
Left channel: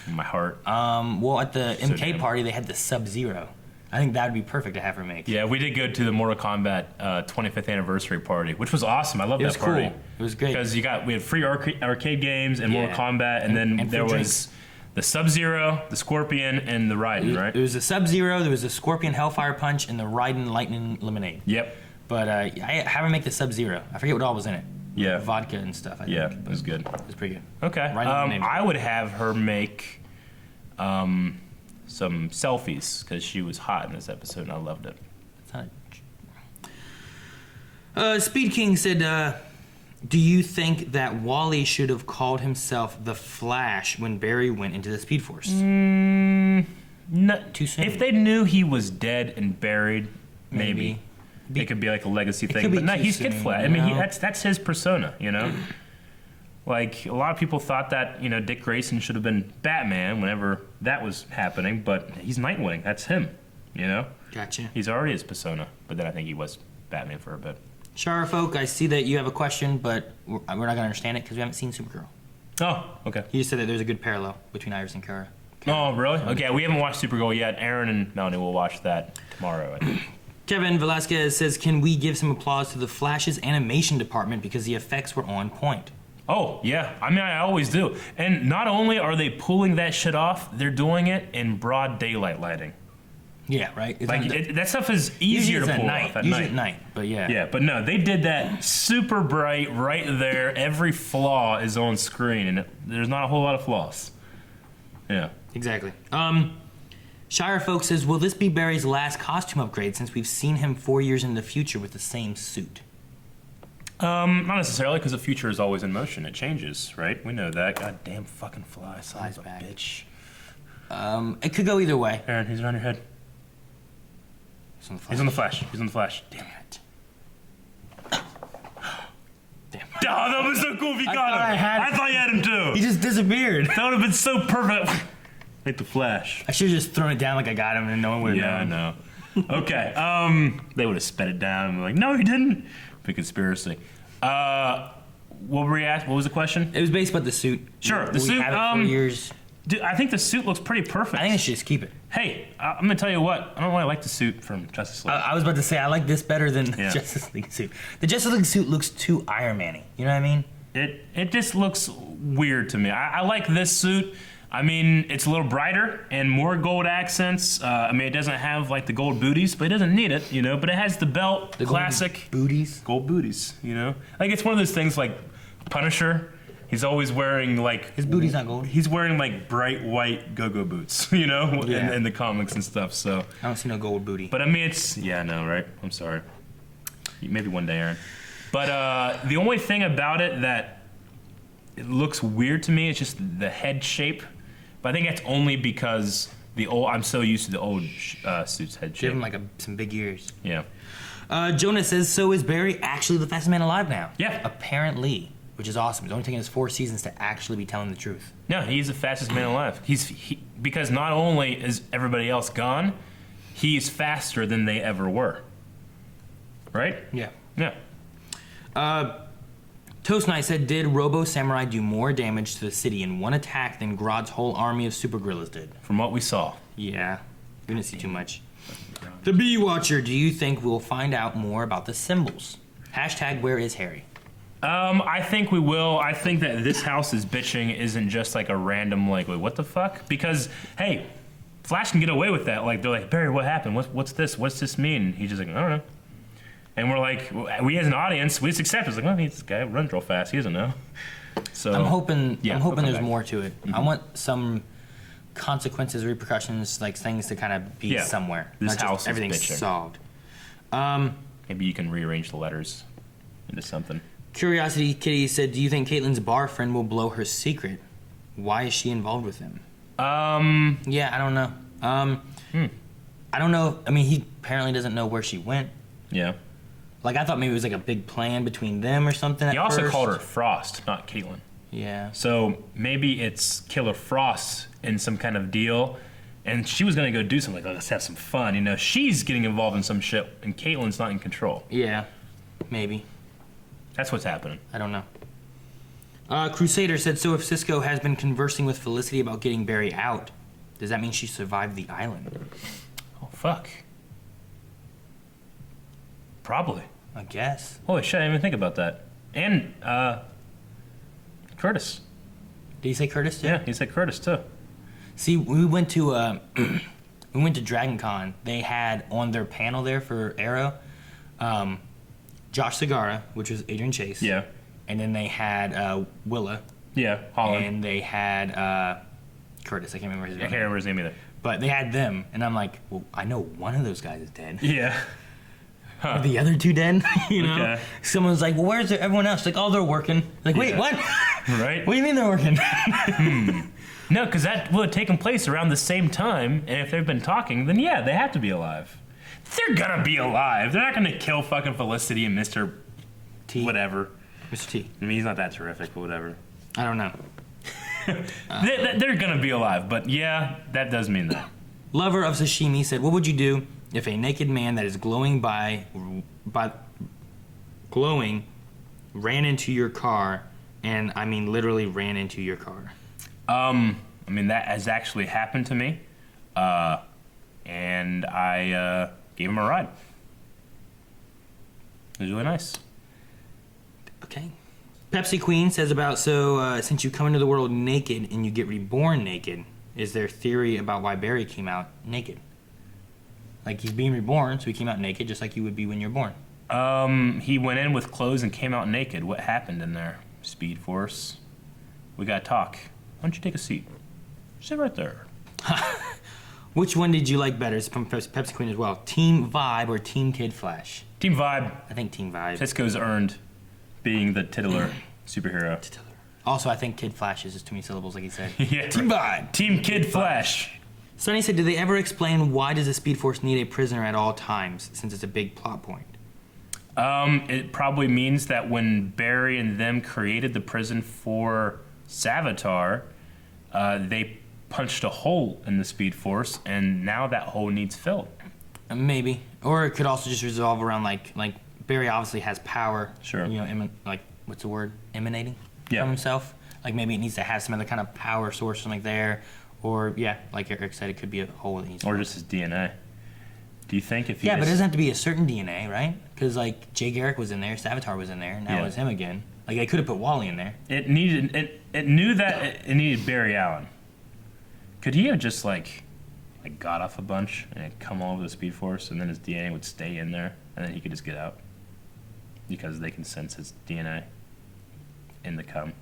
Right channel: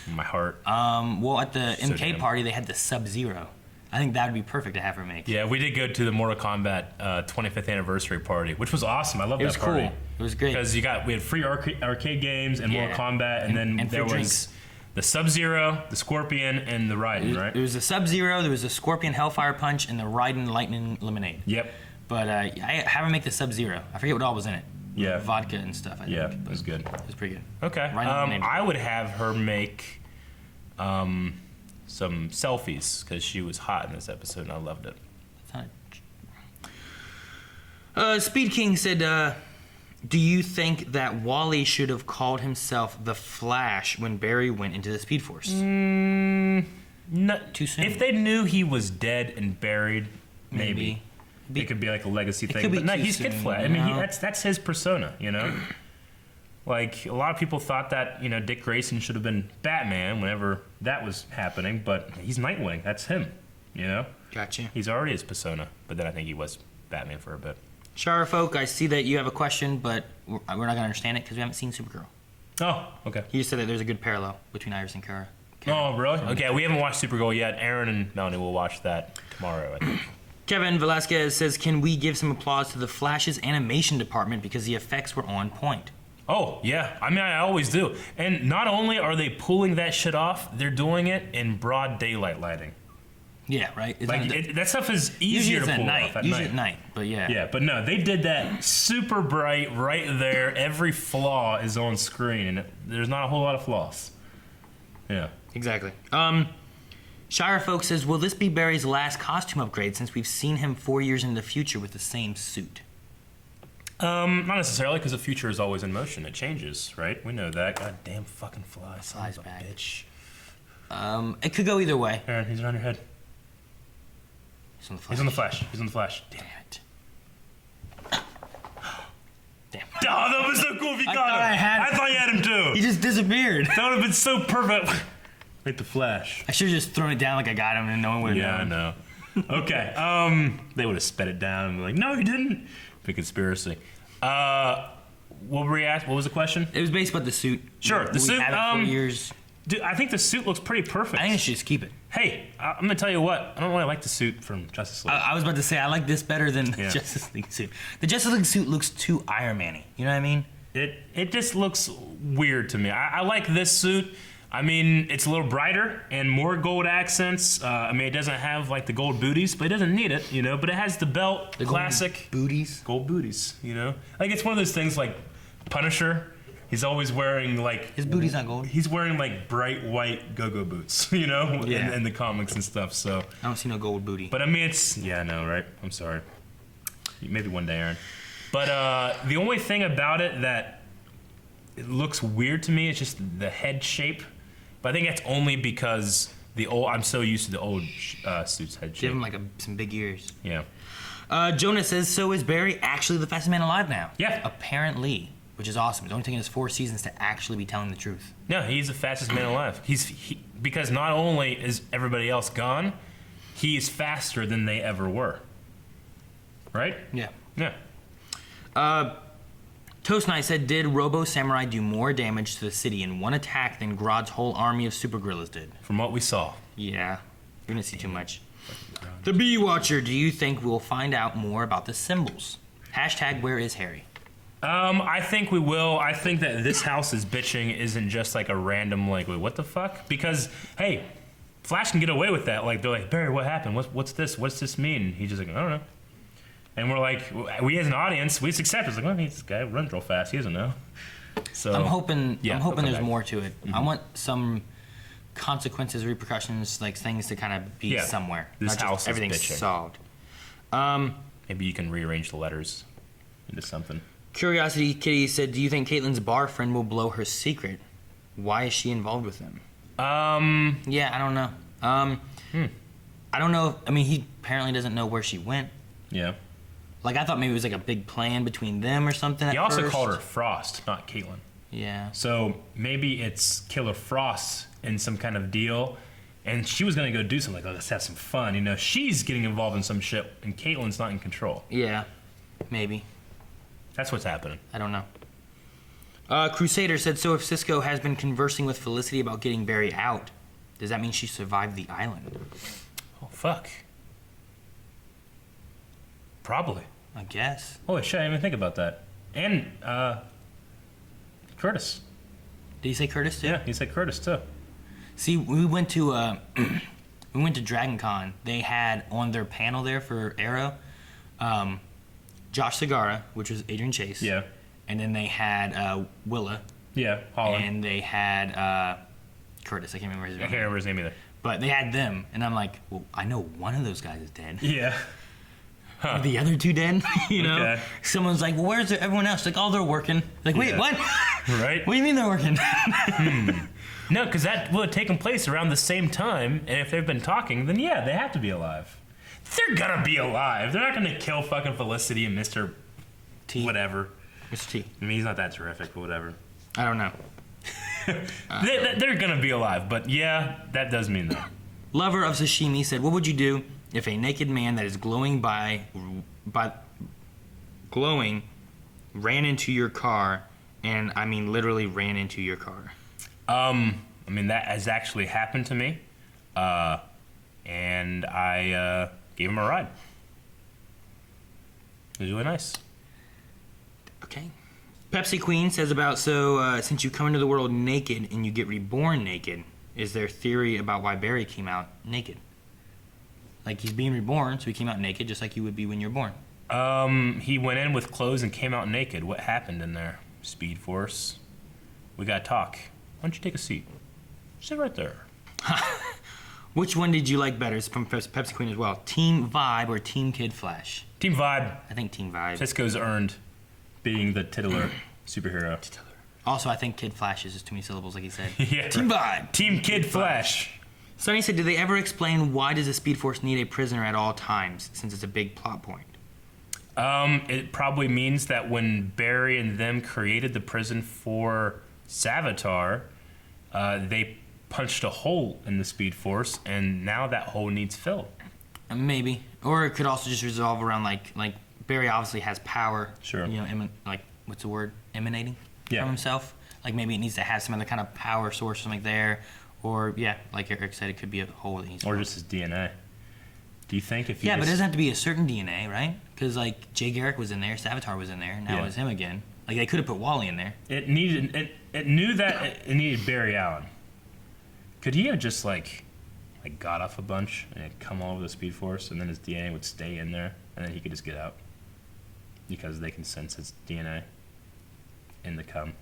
My heart. Well, at the MK party, they had the Sub-Zero. I think that would be perfect to have her make. Yeah, we did go to the Mortal Kombat 25th anniversary party, which was awesome. I love that party. Cool. It was great. Because we had free arcade games and Mortal Kombat, and then there was the Sub-Zero, the Scorpion, and the Raiden, right? There was the Sub-Zero, there was the Scorpion Hellfire Punch, and the Raiden Lightning Lemonade. Yep. But I have her make the Sub-Zero. I forget what all was in it. Yeah. Vodka and stuff, I think. Yeah, it was good. It was pretty good. Okay. I would have her make some selfies, because she was hot in this episode, and I loved it. Speed King said, do you think that Wally should have called himself the Flash when Barry went into the Speed Force? No, too soon. If they knew he was dead and buried, maybe. It could be like a legacy thing. But no, he's Kid Flash. I mean, that's his persona, you know? Like, a lot of people thought that, you know, Dick Grayson should have been Batman whenever that was happening, but he's Nightwing. That's him, you know? Gotcha. He's already his persona, but then I think he was Batman for a bit. Shara folk, I see that you have a question, but we're not going to understand it because we haven't seen Supergirl. Oh, okay. He just said that there's a good parallel between Iris and Kara. Oh, really? Okay, we haven't watched Supergirl yet. Aaron and Melanie will watch that tomorrow, I think. Kevin Velasquez says, can we give some applause to the Flash's animation department because the effects were on point? Oh, yeah. I mean, I always do. And not only are they pulling that shit off, they're doing it in broad daylight lighting. Yeah, right? Like, that stuff is easier to pull off at Usually night. at night, but yeah. Yeah, but no, they did that super bright right there. Every flaw is on screen, and there's not a whole lot of flaws. Yeah. Exactly. Shire folk says, will this be Barry's last costume upgrade since we've seen him 4 years in the future with the same suit? Not necessarily, because the future is always in motion. It changes, right? We know that. God damn fucking fly, son of a back. bitch. It could go either way. Aaron, he's around your head. He's on the Flash. He's on the Flash. He's on the Flash. Damn it. Damn. Oh, that was so cool if you got him. I thought you had him too. He just disappeared. That would have been so perfect. Like the Flash. I should have just thrown it down like I got him and no one would have known. Yeah, I know. Okay. They would have sped it down and been like, no, you didn't. Big conspiracy. What were we asked? What was the question? It was based about the suit. Sure. The We suit. had it for years. Dude, I think the suit looks pretty perfect. I think I should just keep it. Hey, I'm gonna tell you what. I don't really like the suit from Justice League. I was about to say I like this better than the Justice League suit. The Justice League suit looks too Iron Man-y. You know what I mean? It just looks weird to me. I like this suit. I mean, it's a little brighter and more gold accents. I mean, it doesn't have like the gold booties, but it doesn't need it, you know. But it has the belt, the classic booties, gold booties, you know. Like it's one of those things like Punisher. He's always wearing like his booty's not gold. He's wearing like bright white go-go boots, you know, Yeah. in the comics and stuff. So I don't see no gold booty. But I mean, it's no, right? I'm sorry. Maybe one day, Aaron. But the only thing about it that it looks weird to me is just the head shape. But I think that's only because I'm so used to the old suit's head shape. Give him like some big ears. Yeah. Jonah says, so is Barry actually the fastest man alive now? Yeah. Apparently, which is awesome. It's only taken us 4 seasons to actually be telling the truth. Yeah, he's the fastest man alive. Because not only is everybody else gone, he's faster than they ever were. Right? Yeah. Yeah. Toast Knight said, did Robo Samurai do more damage to the city in one attack than Grodd's whole army of super gorillas did? From what we saw. Yeah. We didn't see too much. The Bee Watcher, do you think we'll find out more about the symbols? Hashtag where is Harry? I think we will. I think that this house is bitching isn't just like a random like, wait, what the fuck? Because, hey, Flash can get away with that. Like, they're like, Barry, what happened? What's this? What's this mean? And he's just like, I don't know. And we're like, we as an audience, we just accept it. It's like, well, this guy runs real fast. He doesn't know. So I'm hoping there's back. more to it. Mm-hmm. I want some consequences, repercussions, like things to kind of be somewhere. This not house just everything's is bitching. solved. Maybe you can rearrange the letters into something. Curiosity Kitty said, do you think Caitlyn's bar friend will blow her secret? Why is she involved with him? Yeah, I don't know. I don't know. I mean, he apparently doesn't know where she went. Yeah. Like, I thought maybe it was like a big plan between them or something. He also first. called her Frost, not Caitlyn. Yeah. So maybe it's Killer Frost in some kind of deal, and she was going to go do something like, let's have some fun. You know, she's getting involved in some shit, and Caitlyn's not in control. Yeah, maybe. That's what's happening. I don't know. Crusader said, so if Cisco has been conversing with Felicity about getting Barry out, does that mean she survived the island? Oh, fuck. Probably. I guess. Holy shit, I didn't even think about that. And, Curtis. Did he say Curtis too? Yeah, he said Curtis too. See, we went to Dragon Con. They had on their panel there for Arrow, Josh Segarra, which was Adrian Chase. Yeah. And then they had Willa. Yeah, Holland. And they had Curtis. I can't remember his name. I can't remember his name either. But they had them, and I'm like, well, I know one of those guys is dead. Yeah. Are the other two dead? You know? Okay. Someone's like, well, where's everyone else? Like, oh, they're working. Like, wait, Yeah. what? Right? What do you mean they're working? No, because that would have taken place around the same time, and if they've been talking, then yeah, they have to be alive. They're gonna be alive. They're not gonna kill fucking Felicity and Mr. T. Whatever. Mr. T. I mean, he's not that terrific, but whatever. I don't know. They're gonna be alive, but yeah, that does mean that. Lover of sashimi said, "What would you do if a naked man that is glowing glowing ran into your car, and I mean literally ran into your car?" I mean that has actually happened to me, and I gave him a ride. It was really nice. Okay. Pepsi Queen says about, since you come into the world naked and you get reborn naked, is there theory about why Barry came out naked? Like, he's being reborn, so he came out naked just like you would be when you're born. He went in with clothes and came out naked. What happened in there? Speed Force. We gotta talk. Why don't you take a seat? Sit right there. Which one did you like better? It's from Pepsi Queen as well. Team Vibe or Team Kid Flash? Team Vibe. I think Team Vibe. Cisco's earned being the titular superhero. Also, I think Kid Flash is just too many syllables, like he said. Yeah. Team Vibe. Team Kid Flash. Sonny said, did they ever explain why does the Speed Force need a prisoner at all times, since it's a big plot point? It probably means that when Barry and them created the prison for Savitar, they punched a hole in the Speed Force, and now that hole needs filled. Maybe. Or it could also just resolve around, like Barry obviously has power. Sure. You know, what's the word? Emanating Yeah. from himself. Like, maybe it needs to have some other kind of power source or something there. Or, yeah, like Eric said, it could be a hole that he's... Or just his DNA. Do you think if he but it doesn't have to be a certain DNA, right? Because, like, Jay Garrick was in there, Savitar was in there, now it's him again. Like, they could have put Wally in there. It knew that it needed Barry Allen. Could he have just, like got off a bunch and come all over the Speed Force, and then his DNA would stay in there, and then he could just get out? Because they can sense his DNA in the cum.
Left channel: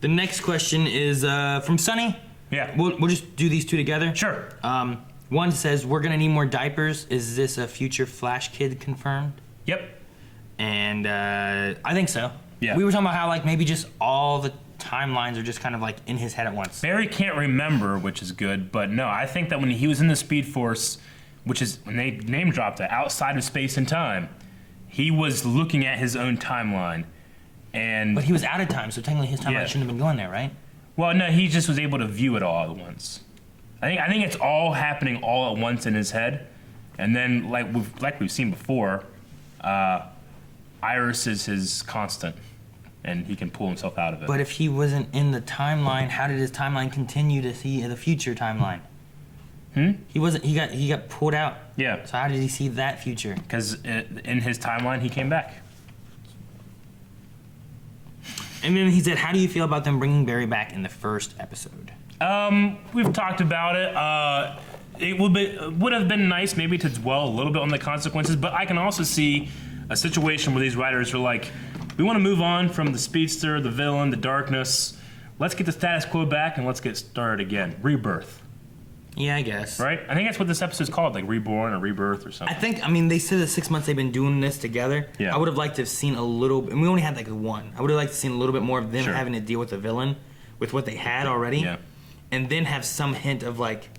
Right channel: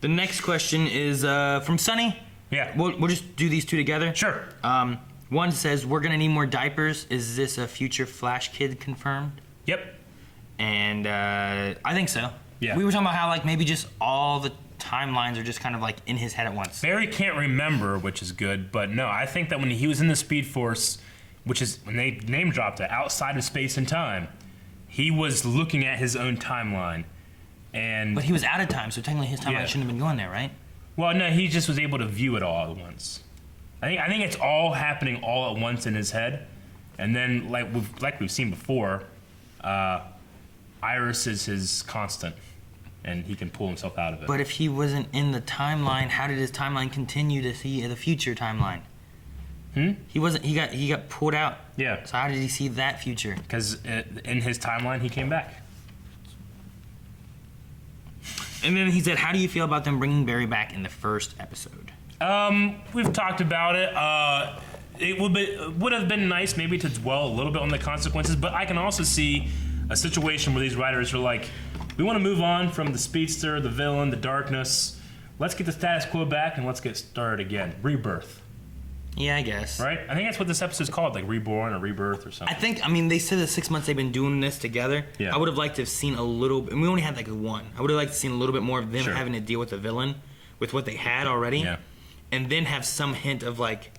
The next question is from Sonny. Yeah. We'll just do these two together. Sure. One says, we're going to need more diapers. Is this a future Flash kid confirmed? Yep. And I think so. Yeah. We were talking about how, like, maybe just all the timelines are just kind of, like, in his head at once. Barry can't remember, which is good, but no, I think that when he was in the Speed Force, which is when they name dropped it, outside of space and time, he was looking at his own timeline. But he was out of time, so technically his timeline shouldn't have been going there, right? Well, no, he just was able to view it all at once. I think it's all happening all at once in his head, and then like we've seen before, Iris is his constant, and he can pull himself out of it. But if he wasn't in the timeline, how did his timeline continue to see the future timeline? He wasn't. He got pulled out. Yeah. So how did he see that future? Because in his timeline, he came back. And then he said, how do you feel about them bringing Barry back in the first episode? We've talked about it. It would have been nice maybe to dwell a little bit on the consequences, but I can also see a situation where these writers are like, we want to move on from the speedster, the villain, the darkness. Let's get the status quo back and let's get started again. Rebirth. Yeah, I guess. Right? I think that's what this episode's called, like Reborn or Rebirth or something. They said the 6 months they've been doing this together. Yeah. I would have liked to have seen a little, and we only had like one. I would have liked to have seen a little bit more of them having to deal with the villain, with what they had already. Yeah. And then have some hint of like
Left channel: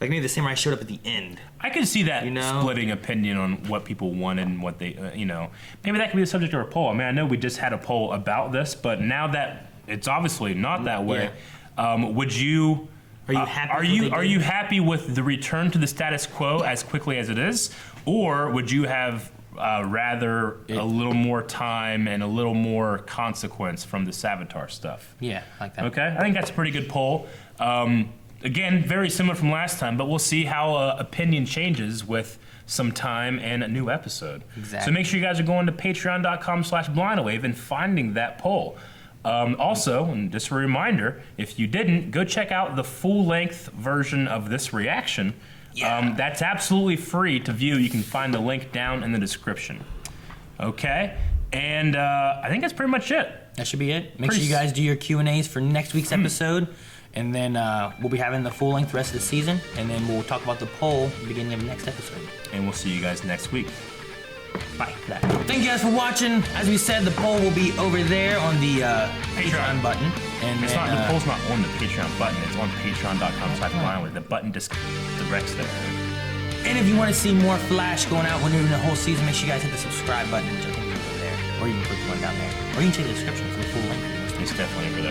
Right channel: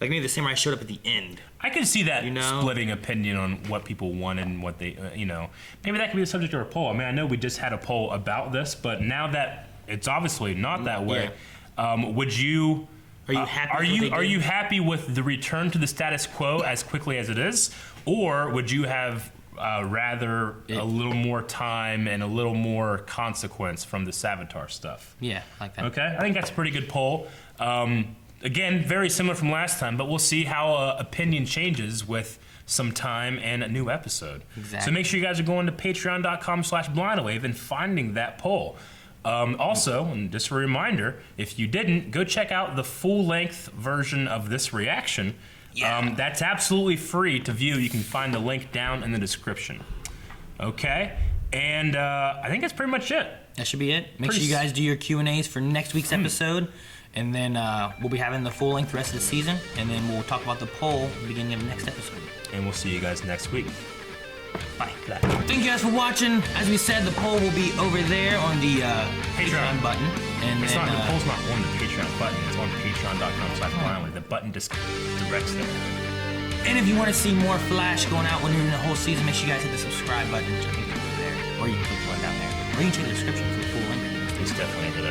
maybe the samurai showed up at the end. I can see that know? splitting opinion on what people wanted and what they, maybe that could be the subject of a poll. I mean, I know we just had a poll about this, but now that it's obviously not that way, would you... Are you happy? Are you happy with the return to the status quo as quickly as it is, or would you have rather a little more time and a little more consequence from the Savitar stuff? Yeah, like that. Okay, I think that's a pretty good poll. Again, very similar from last time, but we'll see how opinion changes with some time and a new episode. Exactly. So make sure you guys are going to patreon.com/blindwave and finding that poll. Also, and just a reminder, if you didn't, go check out the full-length version of this reaction. Yeah. That's absolutely free to view. You can find the link down in the description. Okay? And I think that's pretty much it. That should be it. Make sure you guys do your Q&As for next week's episode. And then we'll be having the full-length rest of the season. And then we'll talk about the poll at the beginning of the next episode. And we'll see you guys next week. Bye. Thank you guys for watching. As we said, the poll will be over there on the Patreon button. And the poll's not on the Patreon button. It's on patreon.com/blindwave. The button just directs there. And if you want to see more Flash going out when during the whole season, make sure you guys hit the subscribe button. Which I think is over there. Or you can click the one down there. Or you can check the description. He's definitely over there.